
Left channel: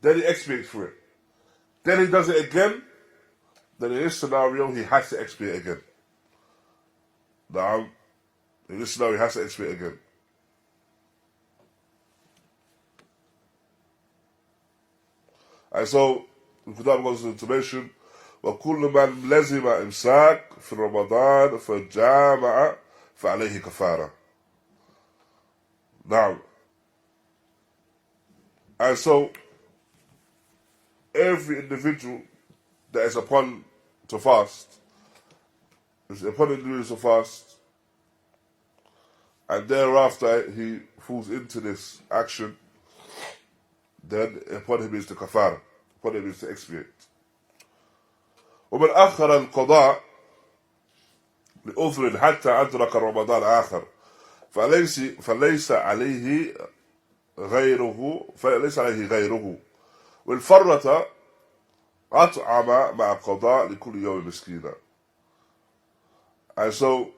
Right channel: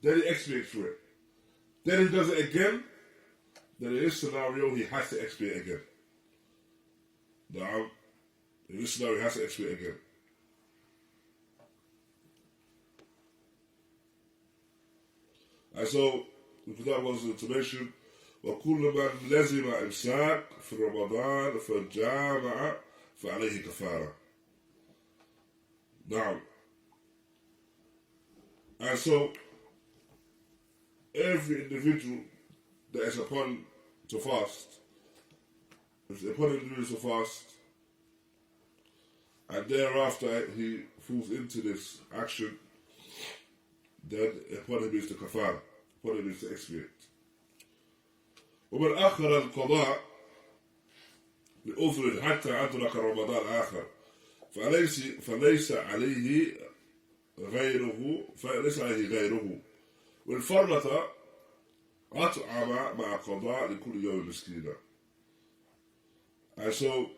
then he expiates for it. Then he does it again, then in this scenario, he has to expiate again. Now, in this scenario, he has to expiate again. And so, the Qudāmah goes on to mention, وَكُلُّ مَنْ لَزِمَ إِمْسَاكٍ فِي رَمَضَانَ فَجَامَعَ فَعَلَيْهِ كَفَارَةٌ. Now, and so, every individual that is upon to fast, is upon individual to fast, and thereafter he falls into this action, then upon him is the kafara, upon him is to expiate. ومن أخر القضاء لأذر حتى أدرك رمضان آخر فليس عليه غيره والفرة أطعم مع قضاء لكل يوم مسكينا. And so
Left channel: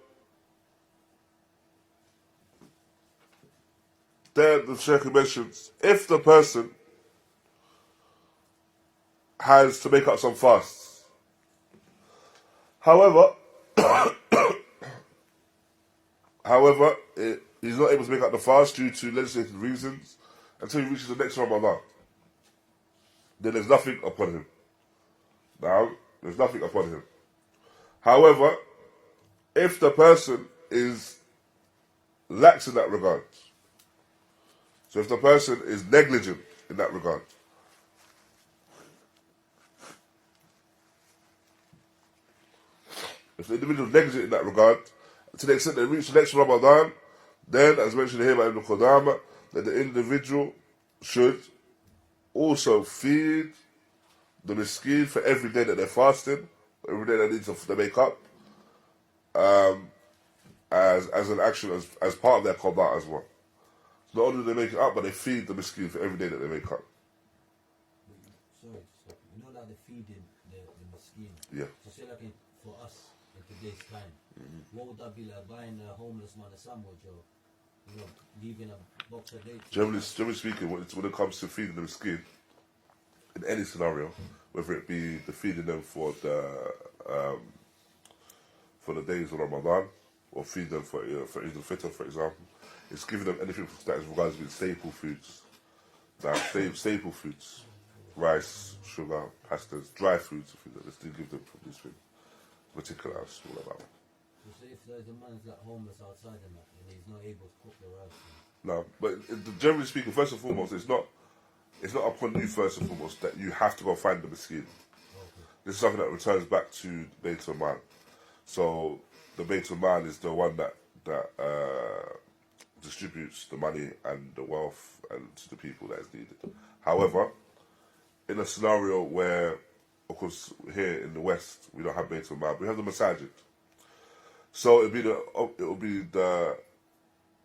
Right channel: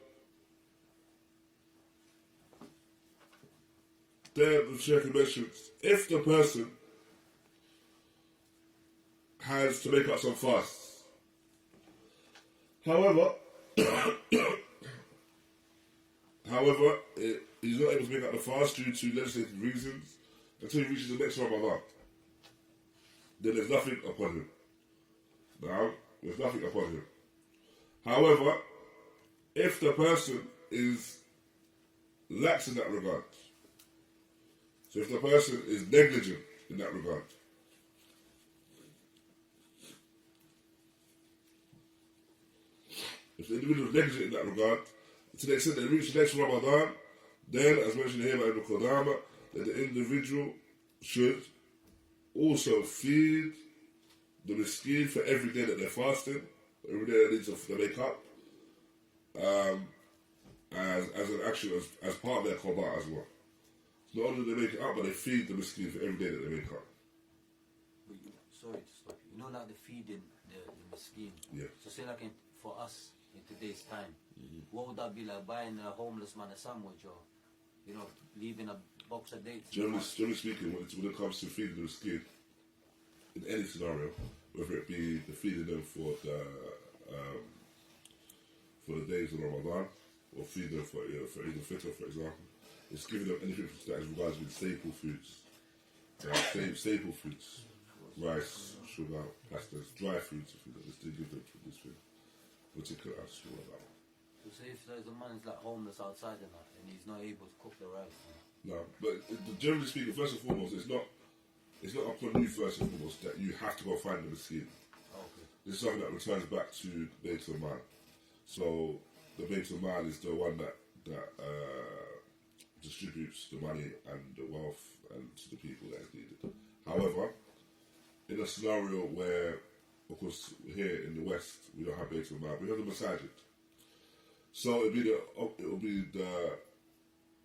then the Shaykh mentions, if the person has to make up some fasts, however, he's not able to make up the fast due to legislated reasons until he reaches the next Ramadan, then there's nothing upon him. Now, there's nothing upon him. However, if the person is lax in that regard, so if the person is negligent in that regard, if the individual is negligent in that regard, to the extent they reach the next Ramadan, then, as mentioned here by Ibn Qudāmah, that the individual should also feed the miskin for every day that they're fasting, every day that needs to make up, as an action, as part of their qadā as well. So not only do they make it up, but they feed the miskin for every day that they make up. But sorry to stop you. You know, like the feeding the miskin. Yeah. So say like for us in today's time, what would that be like? Buying a homeless man a sandwich, or leaving a box of dates? Generally speaking, when it comes to feeding the miskin, in any scenario, whether it be the feeding them for the days of Ramadan, or feed them for Eid al-Fitr, for example, it's giving them anything that is regarded with staple foods. Now, staple foods, rice, sugar, pastas, dry foods, things like this, they give them from this thing. Particular, it's all about. So say if there's a man who's like homeless outside and he's not able to cook the rice. No, but generally speaking, first and foremost, it's not upon you first and foremost that you have to go find the miskin. Okay. This is something that returns back to the Bayt al-Mal. So the Bayt al-Mal is the one that distributes the money and the wealth and to the people that is needed. However, in a scenario where, of course, here in the West we don't have Bayt al-Mal, we have the masajid. So it will be the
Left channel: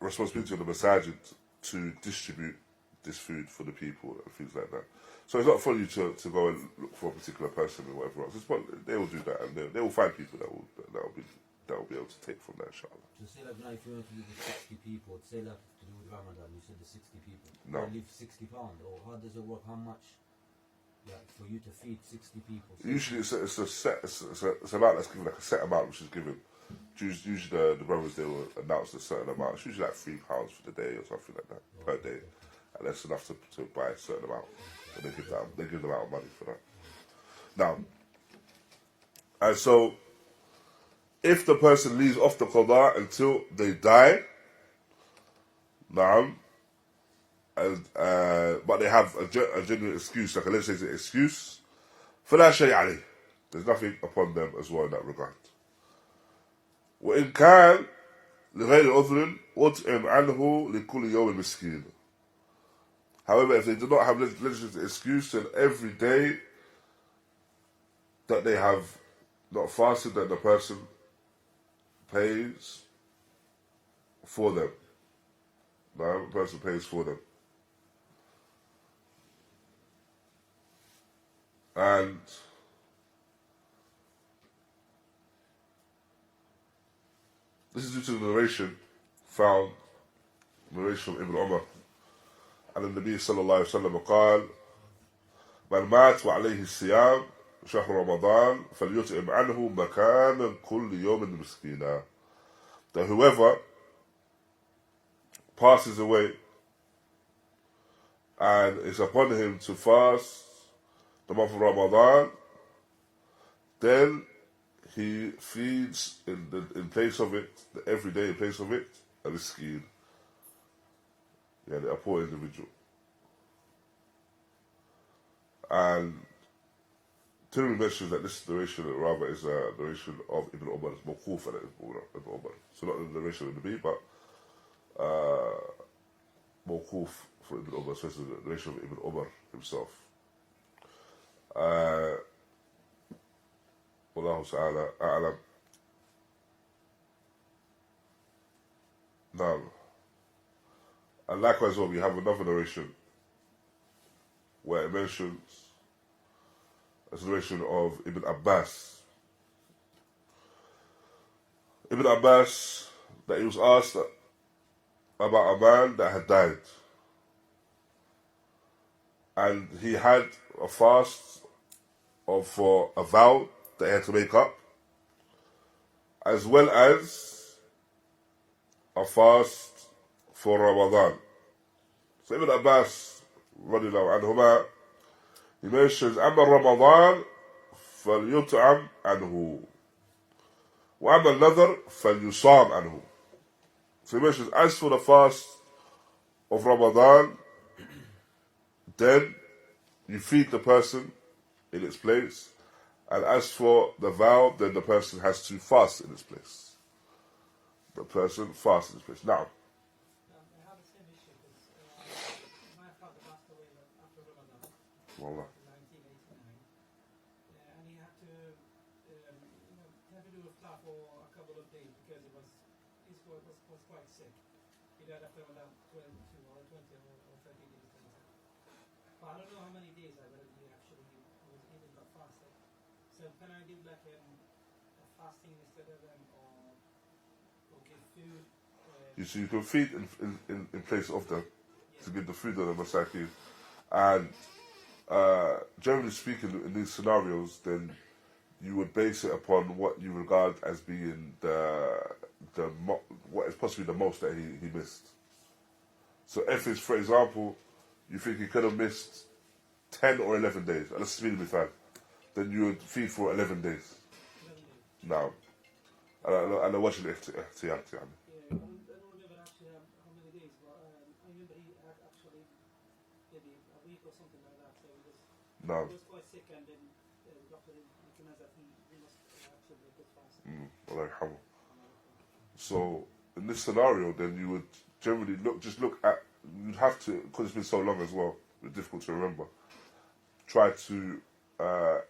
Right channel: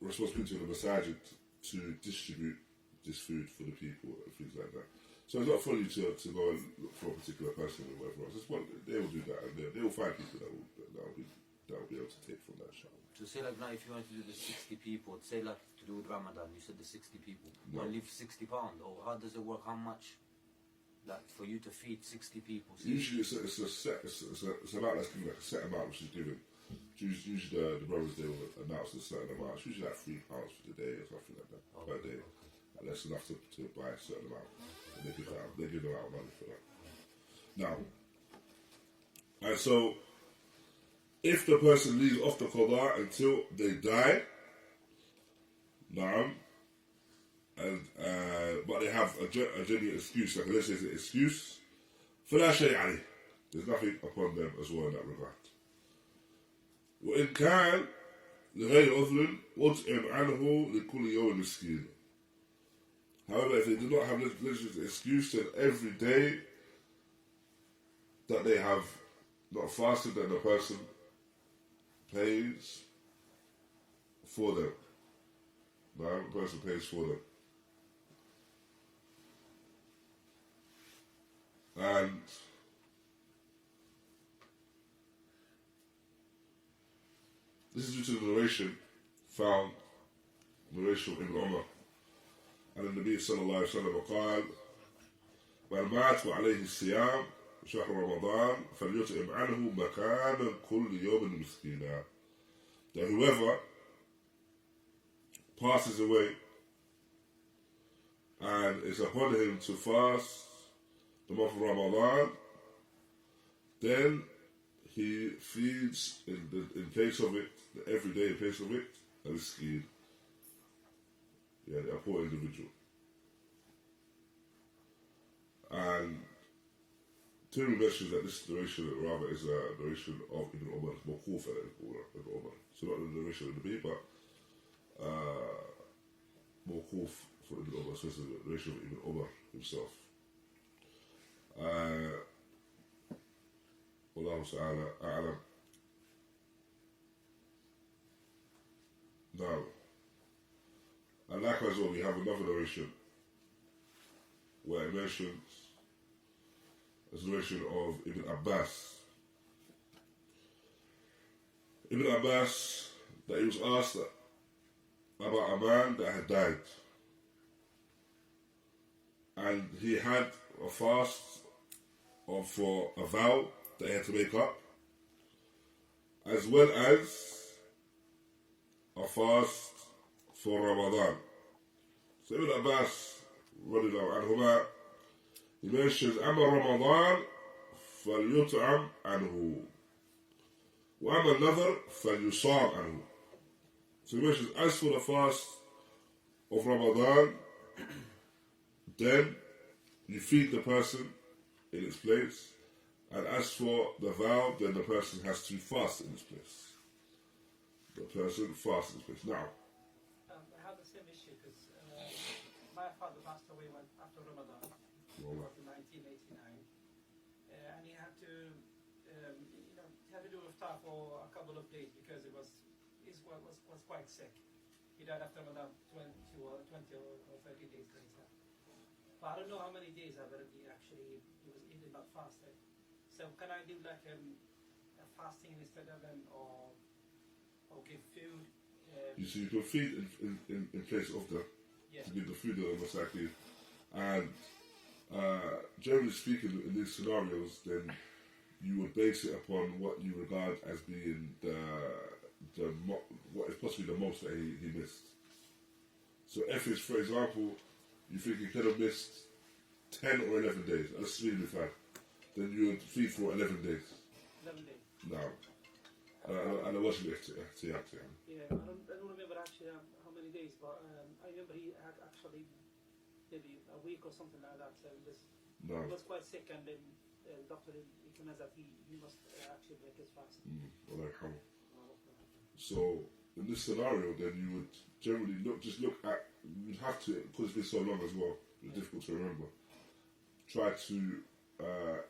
responsibility of the masajid to distribute this food for the people and things like that. So it's not for you to go and look for a particular person or whatever else. They will do that, and they will find people that will be able to take from that, inshallah. So say like now, if you want to do the 60 people, say like to do with Ramadan, you said the 60 people. No. You leave £60, or how does it work? How much Like for you to feed 60 people. Usually it's a set, it's an amount that's given, like a set amount which is given. Usually the brothers, they will announce a certain amount. It's usually like £3 for the day or something like that per day, and that's enough to buy a certain amount. And they give them out money for that. Now, and so if the person leaves off the qada until they die, naam, and but they have a genuine excuse, like a legislative excuse, فلا شيء عليه. There's nothing upon them as well in that regard. وإن كان لغير عذر أطعم عنه لكل يوم مسكين. However, if they do not have legislative excuse, then every day that they have not fasted, then the person pays for them. No, the person pays for them. And this is due to the narration found, narration of Ibn Umar. And the Nabi sallallahu alayhi wa sallam قال من مات وعليه الصيام شهر رمضان فليطعم عنه مكان كل يوم مسكينا. That whoever passes away and it's upon him to fast the month of Ramadan, then he feeds in place of it, every day in place of it, a miskin. Yeah, a poor individual. And Tirmidhi mentions that this narration rather is a narration of Ibn Umar, it's mawqūf and Ibn Umar. So not the narration of the Nabi, but mawqūf for Ibn Umar, so it's the narration of Ibn Umar himself. Wallahu ta'ala a'lam. Now, and likewise, we have another narration where it mentions a narration of Ibn Abbas. Ibn Abbas, that he was asked about a man that had died, and he had a fast for a vow that he had to make up, as well as a fast for Ramadan. So Ibn Abbas, radiallahu anhuma, he mentions, أما رمضان فليطعم عنه وأما النذر فليصام عنه. So he mentions, as for the fast of Ramadan, then you feed the person in its place, and as for the vow, then the person has to fast in its place. The person fasts in its place. Now, I have the same issue because my father passed away after Ramadan, Wallah. in 1989, and he had to, he had to do iftar for a couple of days because he was quite sick. He died after Ramadan 20 or 30 days later. But I don't know how many days he actually was eating not fasting. So can I do like a fasting instead of him, or give food? So you can feed in place of them, to give the food to the masakin. And generally speaking, in these scenarios, then you would base it upon what you regard as being what is possibly the most that he missed. So if it's, for example, you think he could have missed 10 or 11 days, and let's really be fine, then you would feed for 11 days. 11 days. Now, and I watch it. Yeah, I don't remember actually how many days, but I remember he had actually maybe a week or something like that. So he was quite sick, and then the doctor recommends that he must actually break his fast. Allah yarhamu. So in this scenario, then you would generally look at, you'd have to, because it's been so long as well, it's difficult to remember, try to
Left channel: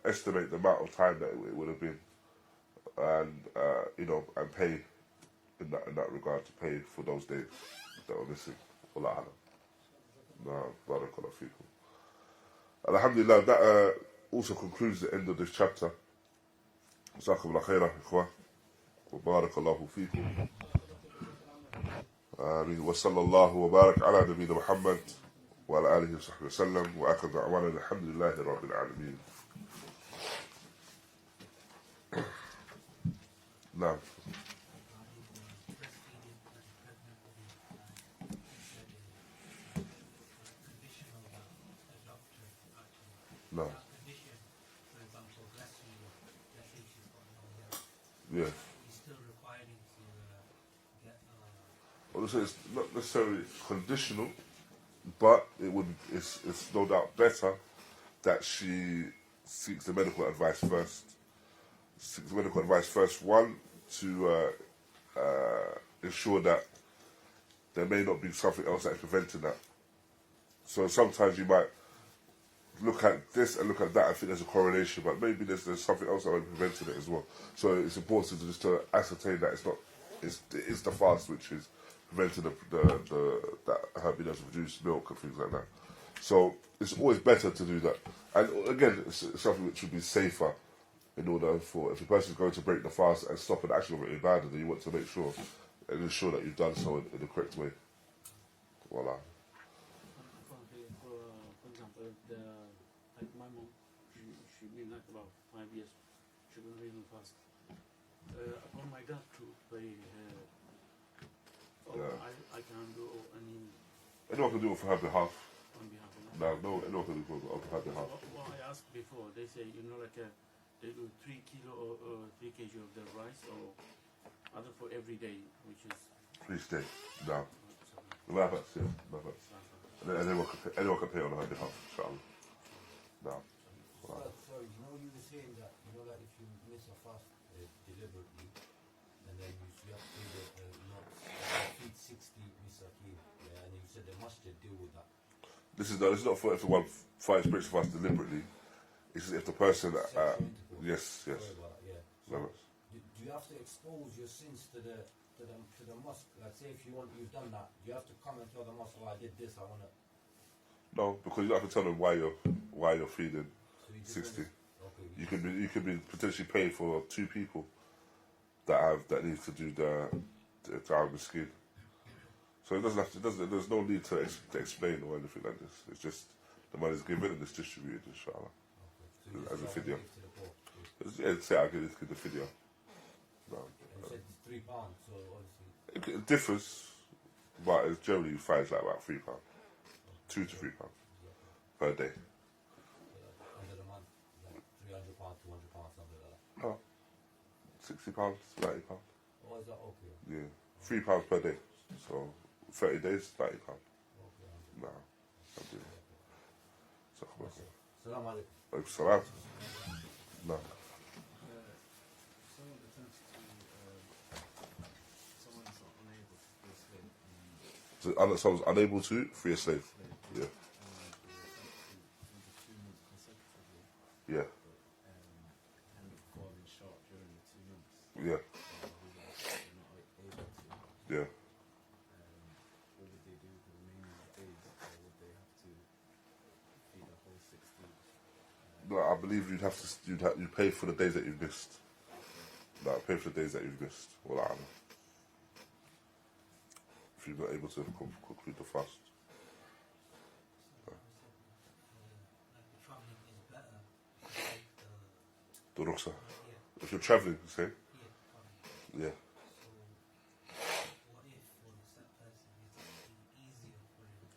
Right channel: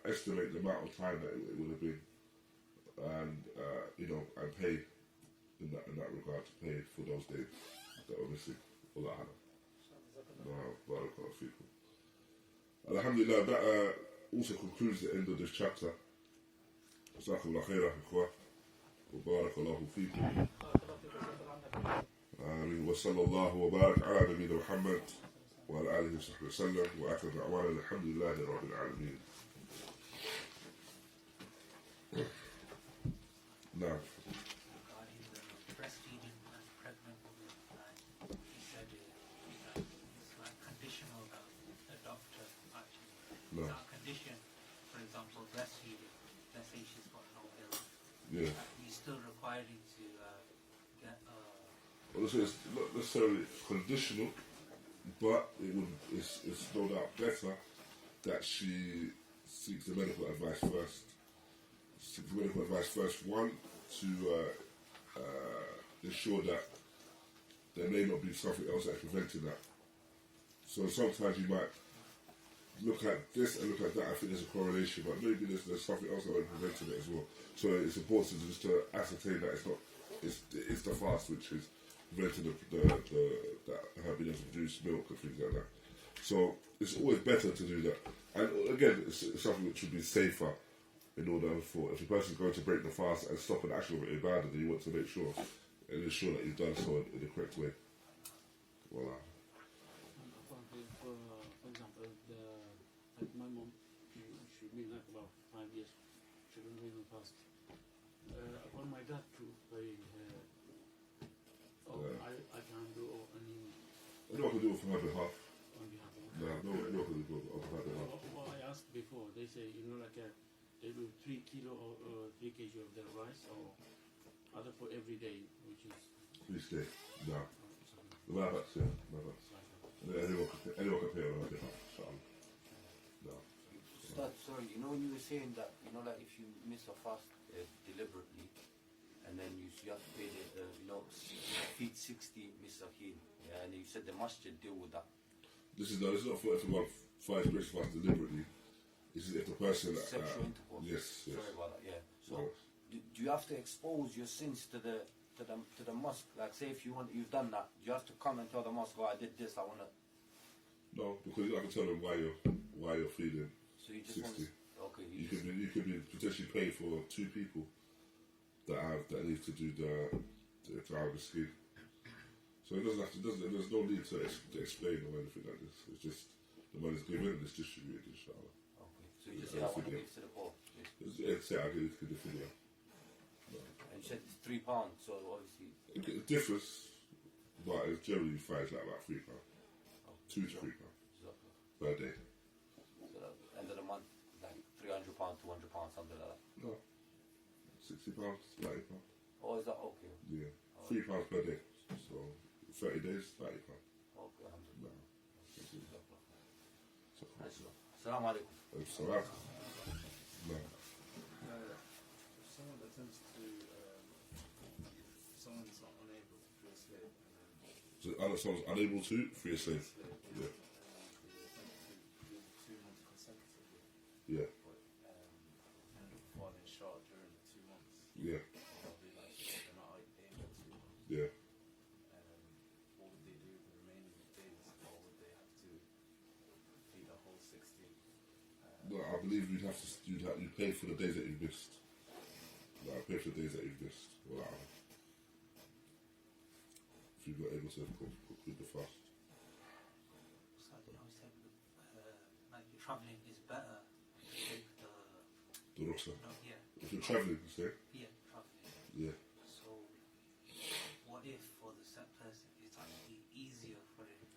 estimate the amount of time that it would have been, and and pay in that regard, to pay for those days that were missing. Wallahu a'lam. Barakallahu feekum. Alhamdulillah, that also concludes the end of this chapter. Jazakumullah khairah, ikhwah. Wa barakallahu feekum. آمين وصلى الله وبارك على نبينا محمد وعلى آله وصحبه وسلم وآخر دعوانا الحمد لله رب العالمين. نعم. Regarding the breastfeeding and the pregnant woman, he said it's like conditional that the doctor actually. No. That condition, for example, breastfeeding, let's say she's got no milk, Yeah. he's still requiring to get Well, it's not necessarily conditional, but it's no doubt better that she seeks the medical advice first. Seeks medical advice first, one, to ensure that there may not be something else that's preventing that. So sometimes you might look at this and look at that and think there's a correlation, but maybe there's something else that might be preventing it as well. So it's important just to ascertain that it's the fast which is preventing that her being able to produce milk and things like that. So it's always better to do that. And again, it's something which would be safer in order for, if a person's going to break the fast and stop an action of it ibadah, then you want to make sure and ensure that you've done so in the correct way. Voila. For example, like my mom, she been like about 5 years, she couldn't even fast. Upon my dad to pay her, I can't do any. Anyone can do it for her behalf. On behalf of her. No, anyone can do it on her behalf. What I asked before, they say, like they do 3 kilo or 3 kg of the rice or other for every day, which is. Please stay. No. My bad, yeah. My bad. And then anyone can pay on her behalf, inshallah. No. Ustādh, sorry, when you were saying that, like if you miss a fast deliberately, and then you have to pay feed 60 misakin, yeah, and you said the masjid deal with that. This is not for if the one finds breaks fast deliberately. This is if the person Sexual intercourse. Yes. Sorry about that. Yeah. So do you have to expose your sins to the mosque? Like, say if you've done that, do you have to come and tell the mosque, I did this, I want to. No, because you don't have to tell them why you're feeding So you just 60. Okay. You could be potentially paying for 2 people that need to do the miskin. So it doesn't have to. There's no need to explain or anything like this. It's just the money's given and it's distributed, inshallah. Okay. So you just As say, a I want to video. give to the poor. Yeah, say I give the video. No. And you said it's £3, so obviously. It differs, but it's generally finds like about £3, £2 to £3 per day. So that end of the month, like £300, £200, something like that. No, £60, £90. Oh, is that okay? Yeah, £3 per day. So 30 days, £90. Okay, alhamdulillah. No, alhamdulillah. Assalamu alaikum. Salam. No. Someone attempts to, someone's not unable to free a slave, and then So someone's unable to free a slave. Yeah. and then they attempt to do the 2 months consecutively, Yeah. but end up falling short during the 2 months. Yeah. Or realize that they're not able to. Yeah. What would they do with the remaining days, or would they have to feed a whole 60? No, I believe you'd pay for the days that you've missed. No, pay for the days that you've missed. Well, I don't know. If you're not able to conclude the fast. So I was like the travelling is better if you take The rukhsah. yeah, If you're travelling, say. travelling. Yeah. So what if for the set person it's actually easier for him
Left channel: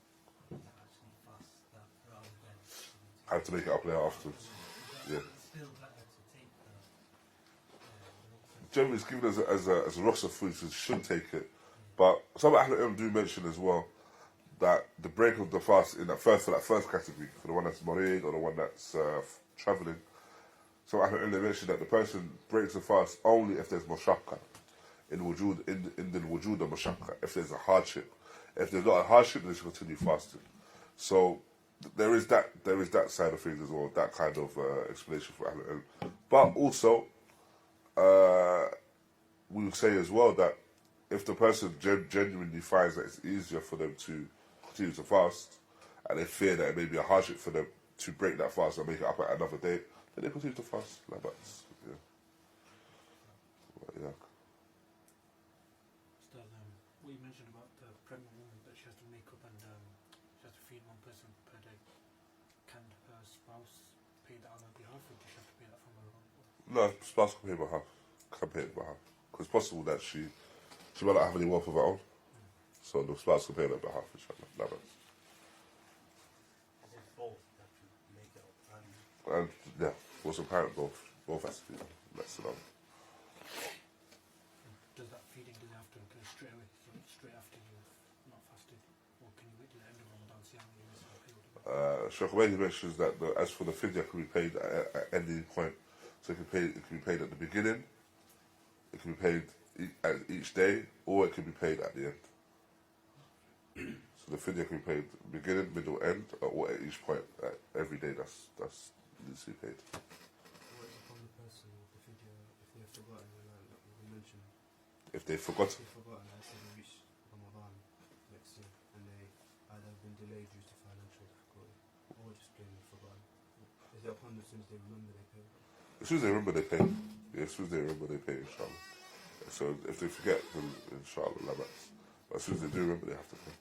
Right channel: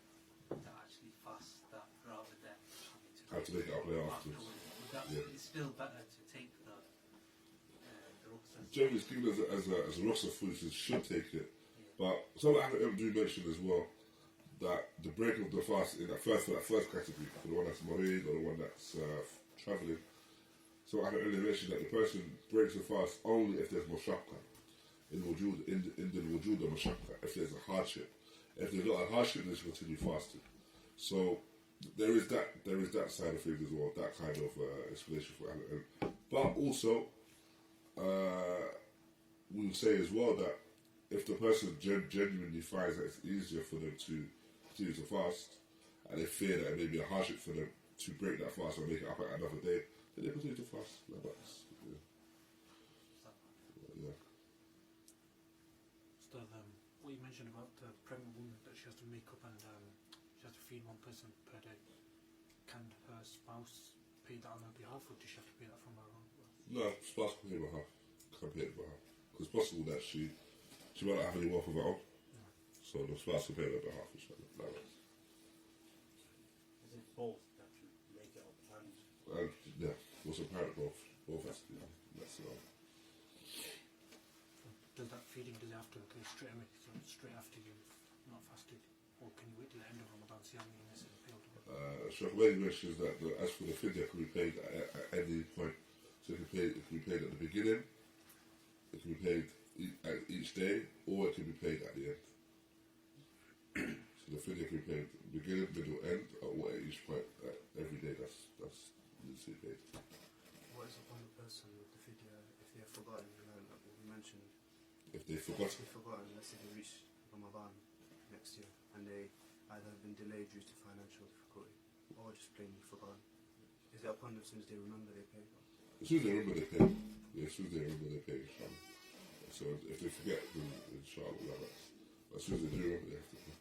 to actually fast that rather than Have to make it up later afterwards. Yeah. It's still better to take the rukhsah. Generally, it's given as a rukhsah food, so you should take it. But some Ahlul do mention as well that the break of the fast for that first category, for the one that's marid or the one that's travelling, some Ahlul mention that the person breaks the fast only if there's mashaqqa, in the wujud of mashaqqa, if there's a hardship. If there's not a hardship, then they should continue fasting. So there is that side of things as well, that kind of explanation for Ahlul. But also, we would say as well that if the person genuinely finds that it's easier for them to continue to fast, and they fear that it may be a hardship for them to break that fast and make it up at another day, then they continue to fast. Like that. Yeah. Yeah. Still, what you mentioned about the pregnant woman that she has to make up and she has to feed one person per day. Can her spouse pay that on her behalf, or does she have to pay that from her own? No, spouse can pay it behalf. Can pay it behalf. Because it's possible that she might not have any wealth of her own. So the spouse can pay on her behalf, inshallah. That makes. Is it both that you make it up? And yeah, what's apparent, both has to be done. That's the number. Does that feeding, does it have to occur straight away, so straight after you've not fasted? Or can you wait till the end of Ramadan, see how many you miss and pay all together? Shaykh Ḥubayd mentions that as for the fidya, can be paid at any point. So it can be paid at the beginning, it can be paid at each day, or it can be paid at the end. So the fidya can be paid beginning, middle, end, or at each point. Every day that's needs to be paid. What is upon the person with the fidya if they have forgotten, like we mentioned? If they've forgotten. If they've forgotten, let's say they reach Ramadan next year and they either have been delayed due to financial difficulty or just plainly forgotten. Is it upon them as soon as they remember they pay? As soon as they remember, they pay. Yeah, as soon as they remember, they pay, inshallah. So if they forget, then inshallah, but as soon as they do remember, they have to pay.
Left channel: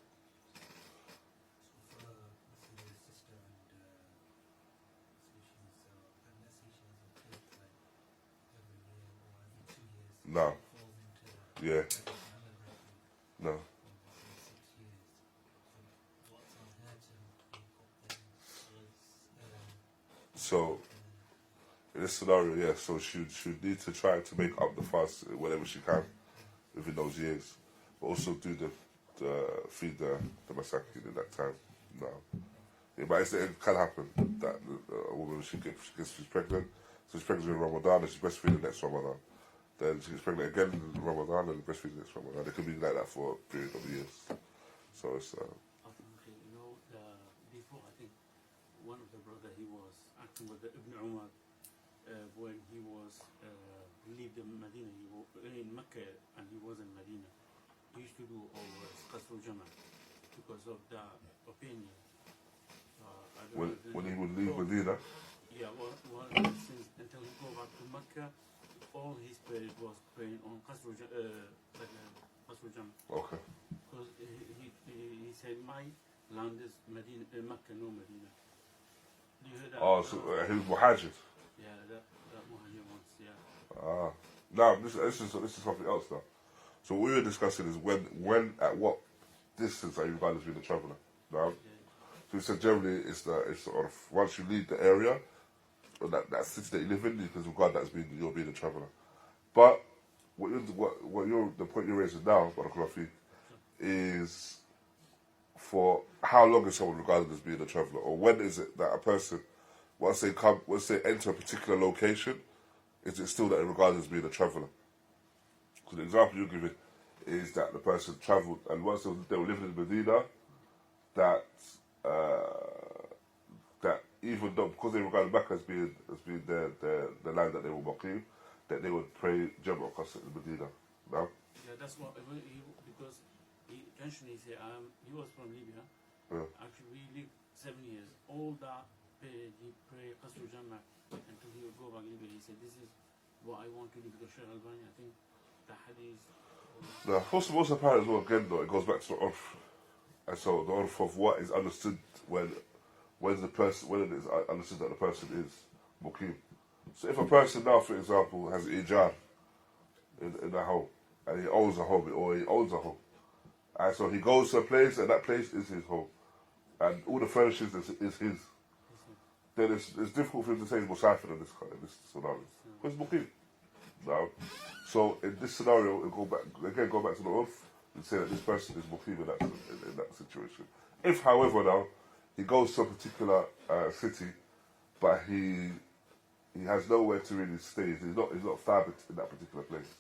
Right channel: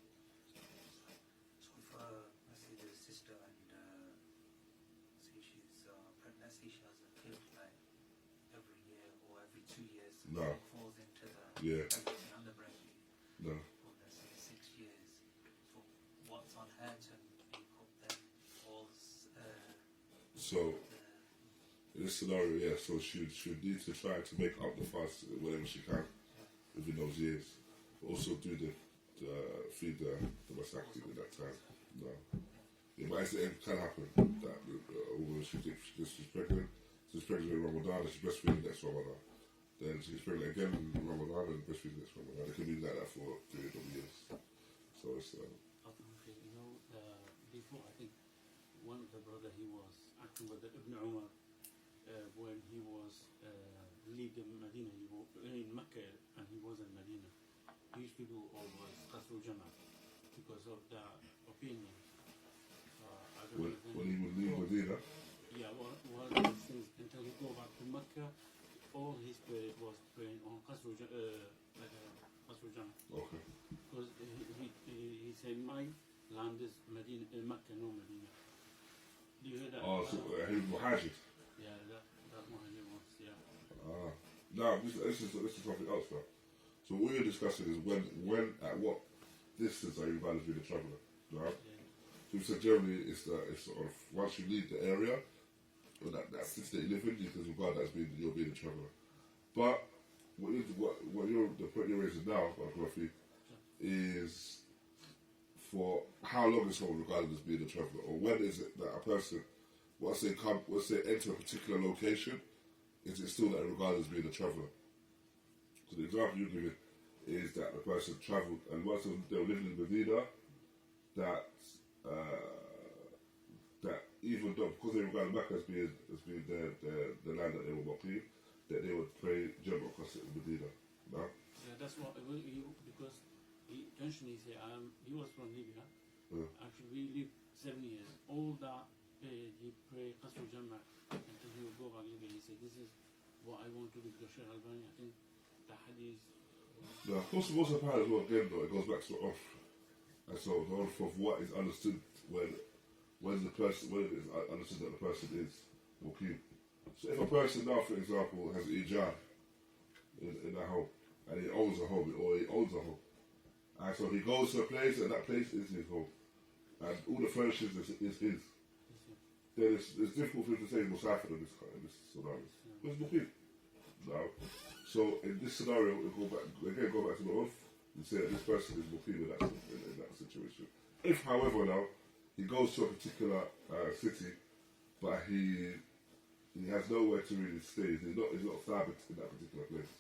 So for, let's say the sister and say she's pregnant, say she has a kid like every year or every 2 years. No. It falls into the Yeah. pregnancy and the breastfeed. No. For let's say 6 years. So what's on her to make up then all So in this scenario, yeah, so she would need to try to make up the fast whenever she can within those years, but also do the feed the masakin in that time. No, yeah, but it can happen that a woman she's pregnant, so she's pregnant in Ramadan and she's breastfeeding next Ramadan. Then she gets pregnant again in Ramadan and breastfeeding next Ramadan. It could be like that for a period of years. So it's. Okay, you know, before I think one of the brother he was acting with the Ibn Umar when he was leave the Medina. He was in Mecca and he was in Medina. He used to do always Qasr Jama because of the opinion. I don't know When he would leave Medina. Yeah, well, since until he go back to Mecca, all his period was praying on Qasr Jama. Okay. Because he said, my land is Medina, Mecca, no Medina. Do you hear that? Oh, so he was Muhajir. Yeah, that Muhajir wants, yeah. Now this is something else now. So what we were discussing is when at what distance are you regarded as being a traveller? Now, Yeah. so we said generally it's sort of once you leave the area or that city that you live in, you can regard that as you're being a traveller. But the point you're raising now, Barakallahu, is for how long is someone regarded as being a traveller, or when is it that a person, once they enter a particular location, is it still that they're regarded as being a traveller? So the example you're giving is that the person travelled, and once they were living in Medina, that even though because they regarded Mecca as being the land that they were Muqim, that they would pray Jama' Qasr in Medina. No? Yeah, that's what because he intentionally said he was from Libya. Yeah. Actually, we lived 7 years. All that he prayed Qasr Jama' until he would go back to Libya. He said, "This is what I want to do." Because Shaykh Albani, I think the hadith. Now, first of all, apparent as well. Again, though, it goes back to the urf, and so the urf of what is understood when it is understood that the person is Muqim. So if a person now, for example, has ijar in a home, and he owns a home, or he owns a home, and so he goes to a place, and that place is his home, and all the furnishings is his, then it's difficult for him to say he's Musafir in this scenario. Because Muqim. No. So in this scenario, go back to the urf, and say that this person is Muqim in that situation. If, however, now, he goes to a particular city, but he has nowhere to really stay. He's not thabit in that particular place.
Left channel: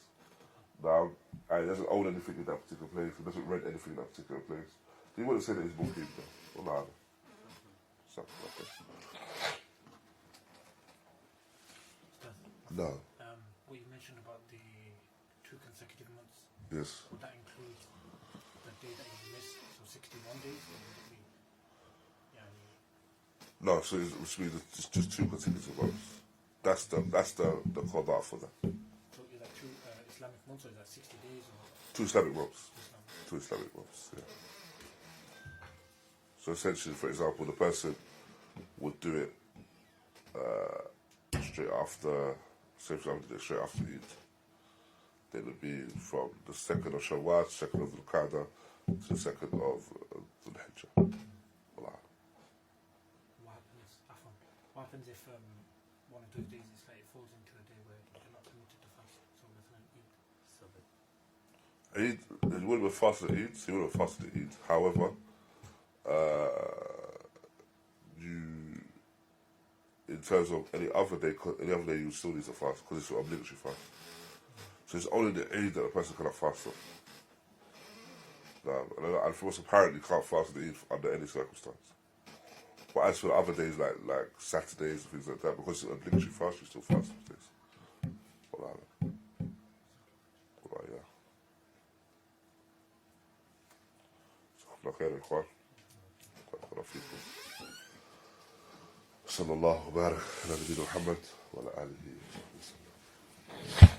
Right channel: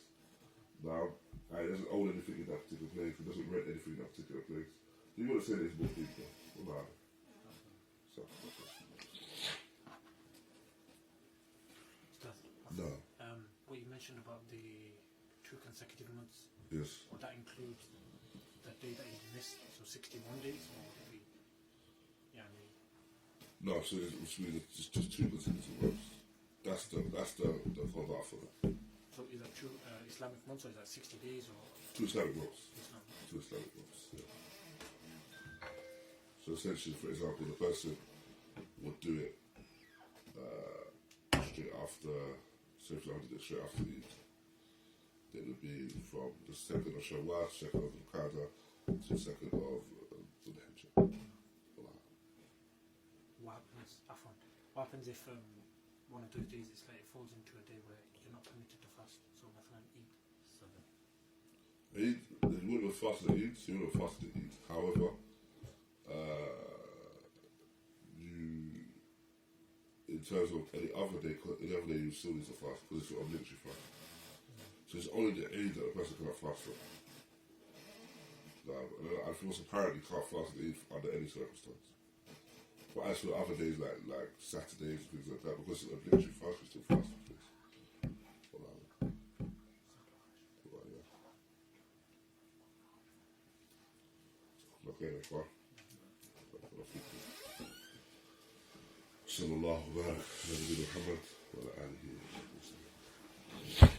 Now, and he doesn't own anything in that particular place. He doesn't rent anything in that particular place. He wouldn't say that he's Muqim though. Well, no. No. What you mentioned about the 2 consecutive months, Yes. would that include the day that you missed, so 61 days, or would it be, No, so which means it's just 2 consecutive months. That's the Qudāmah for that. so is that 2 Islamic months, or is that 60 days, or 2 Islamic months. Islam? 2 Islamic months, yeah. So essentially, for example, the person would do it straight after, say for example, did it straight after Eid. Then it would be from the 2nd of Shawwal, 2nd of Qudāmah, to the 2nd of Dhul-Hijjah. What happens if one of those days it falls into a day where you're not permitted to fast? So مثلا Eid. Eid, it wouldn't have fasted Eid, so you wouldn't have fasted Eid. However, in terms of any other day you still need to fast because it's an obligatory fast. So it's only the Eid that a person cannot fast on. And for most apparent, you can't fast the Eid under any circumstance. But as for the other days, like Saturdays and things like that, because it's an obligatory fast, you still fast those days. خير يا اخوان بارك فيكم صلى الله وبارك على نبينا محمد وعلى اله وصحبه وسلم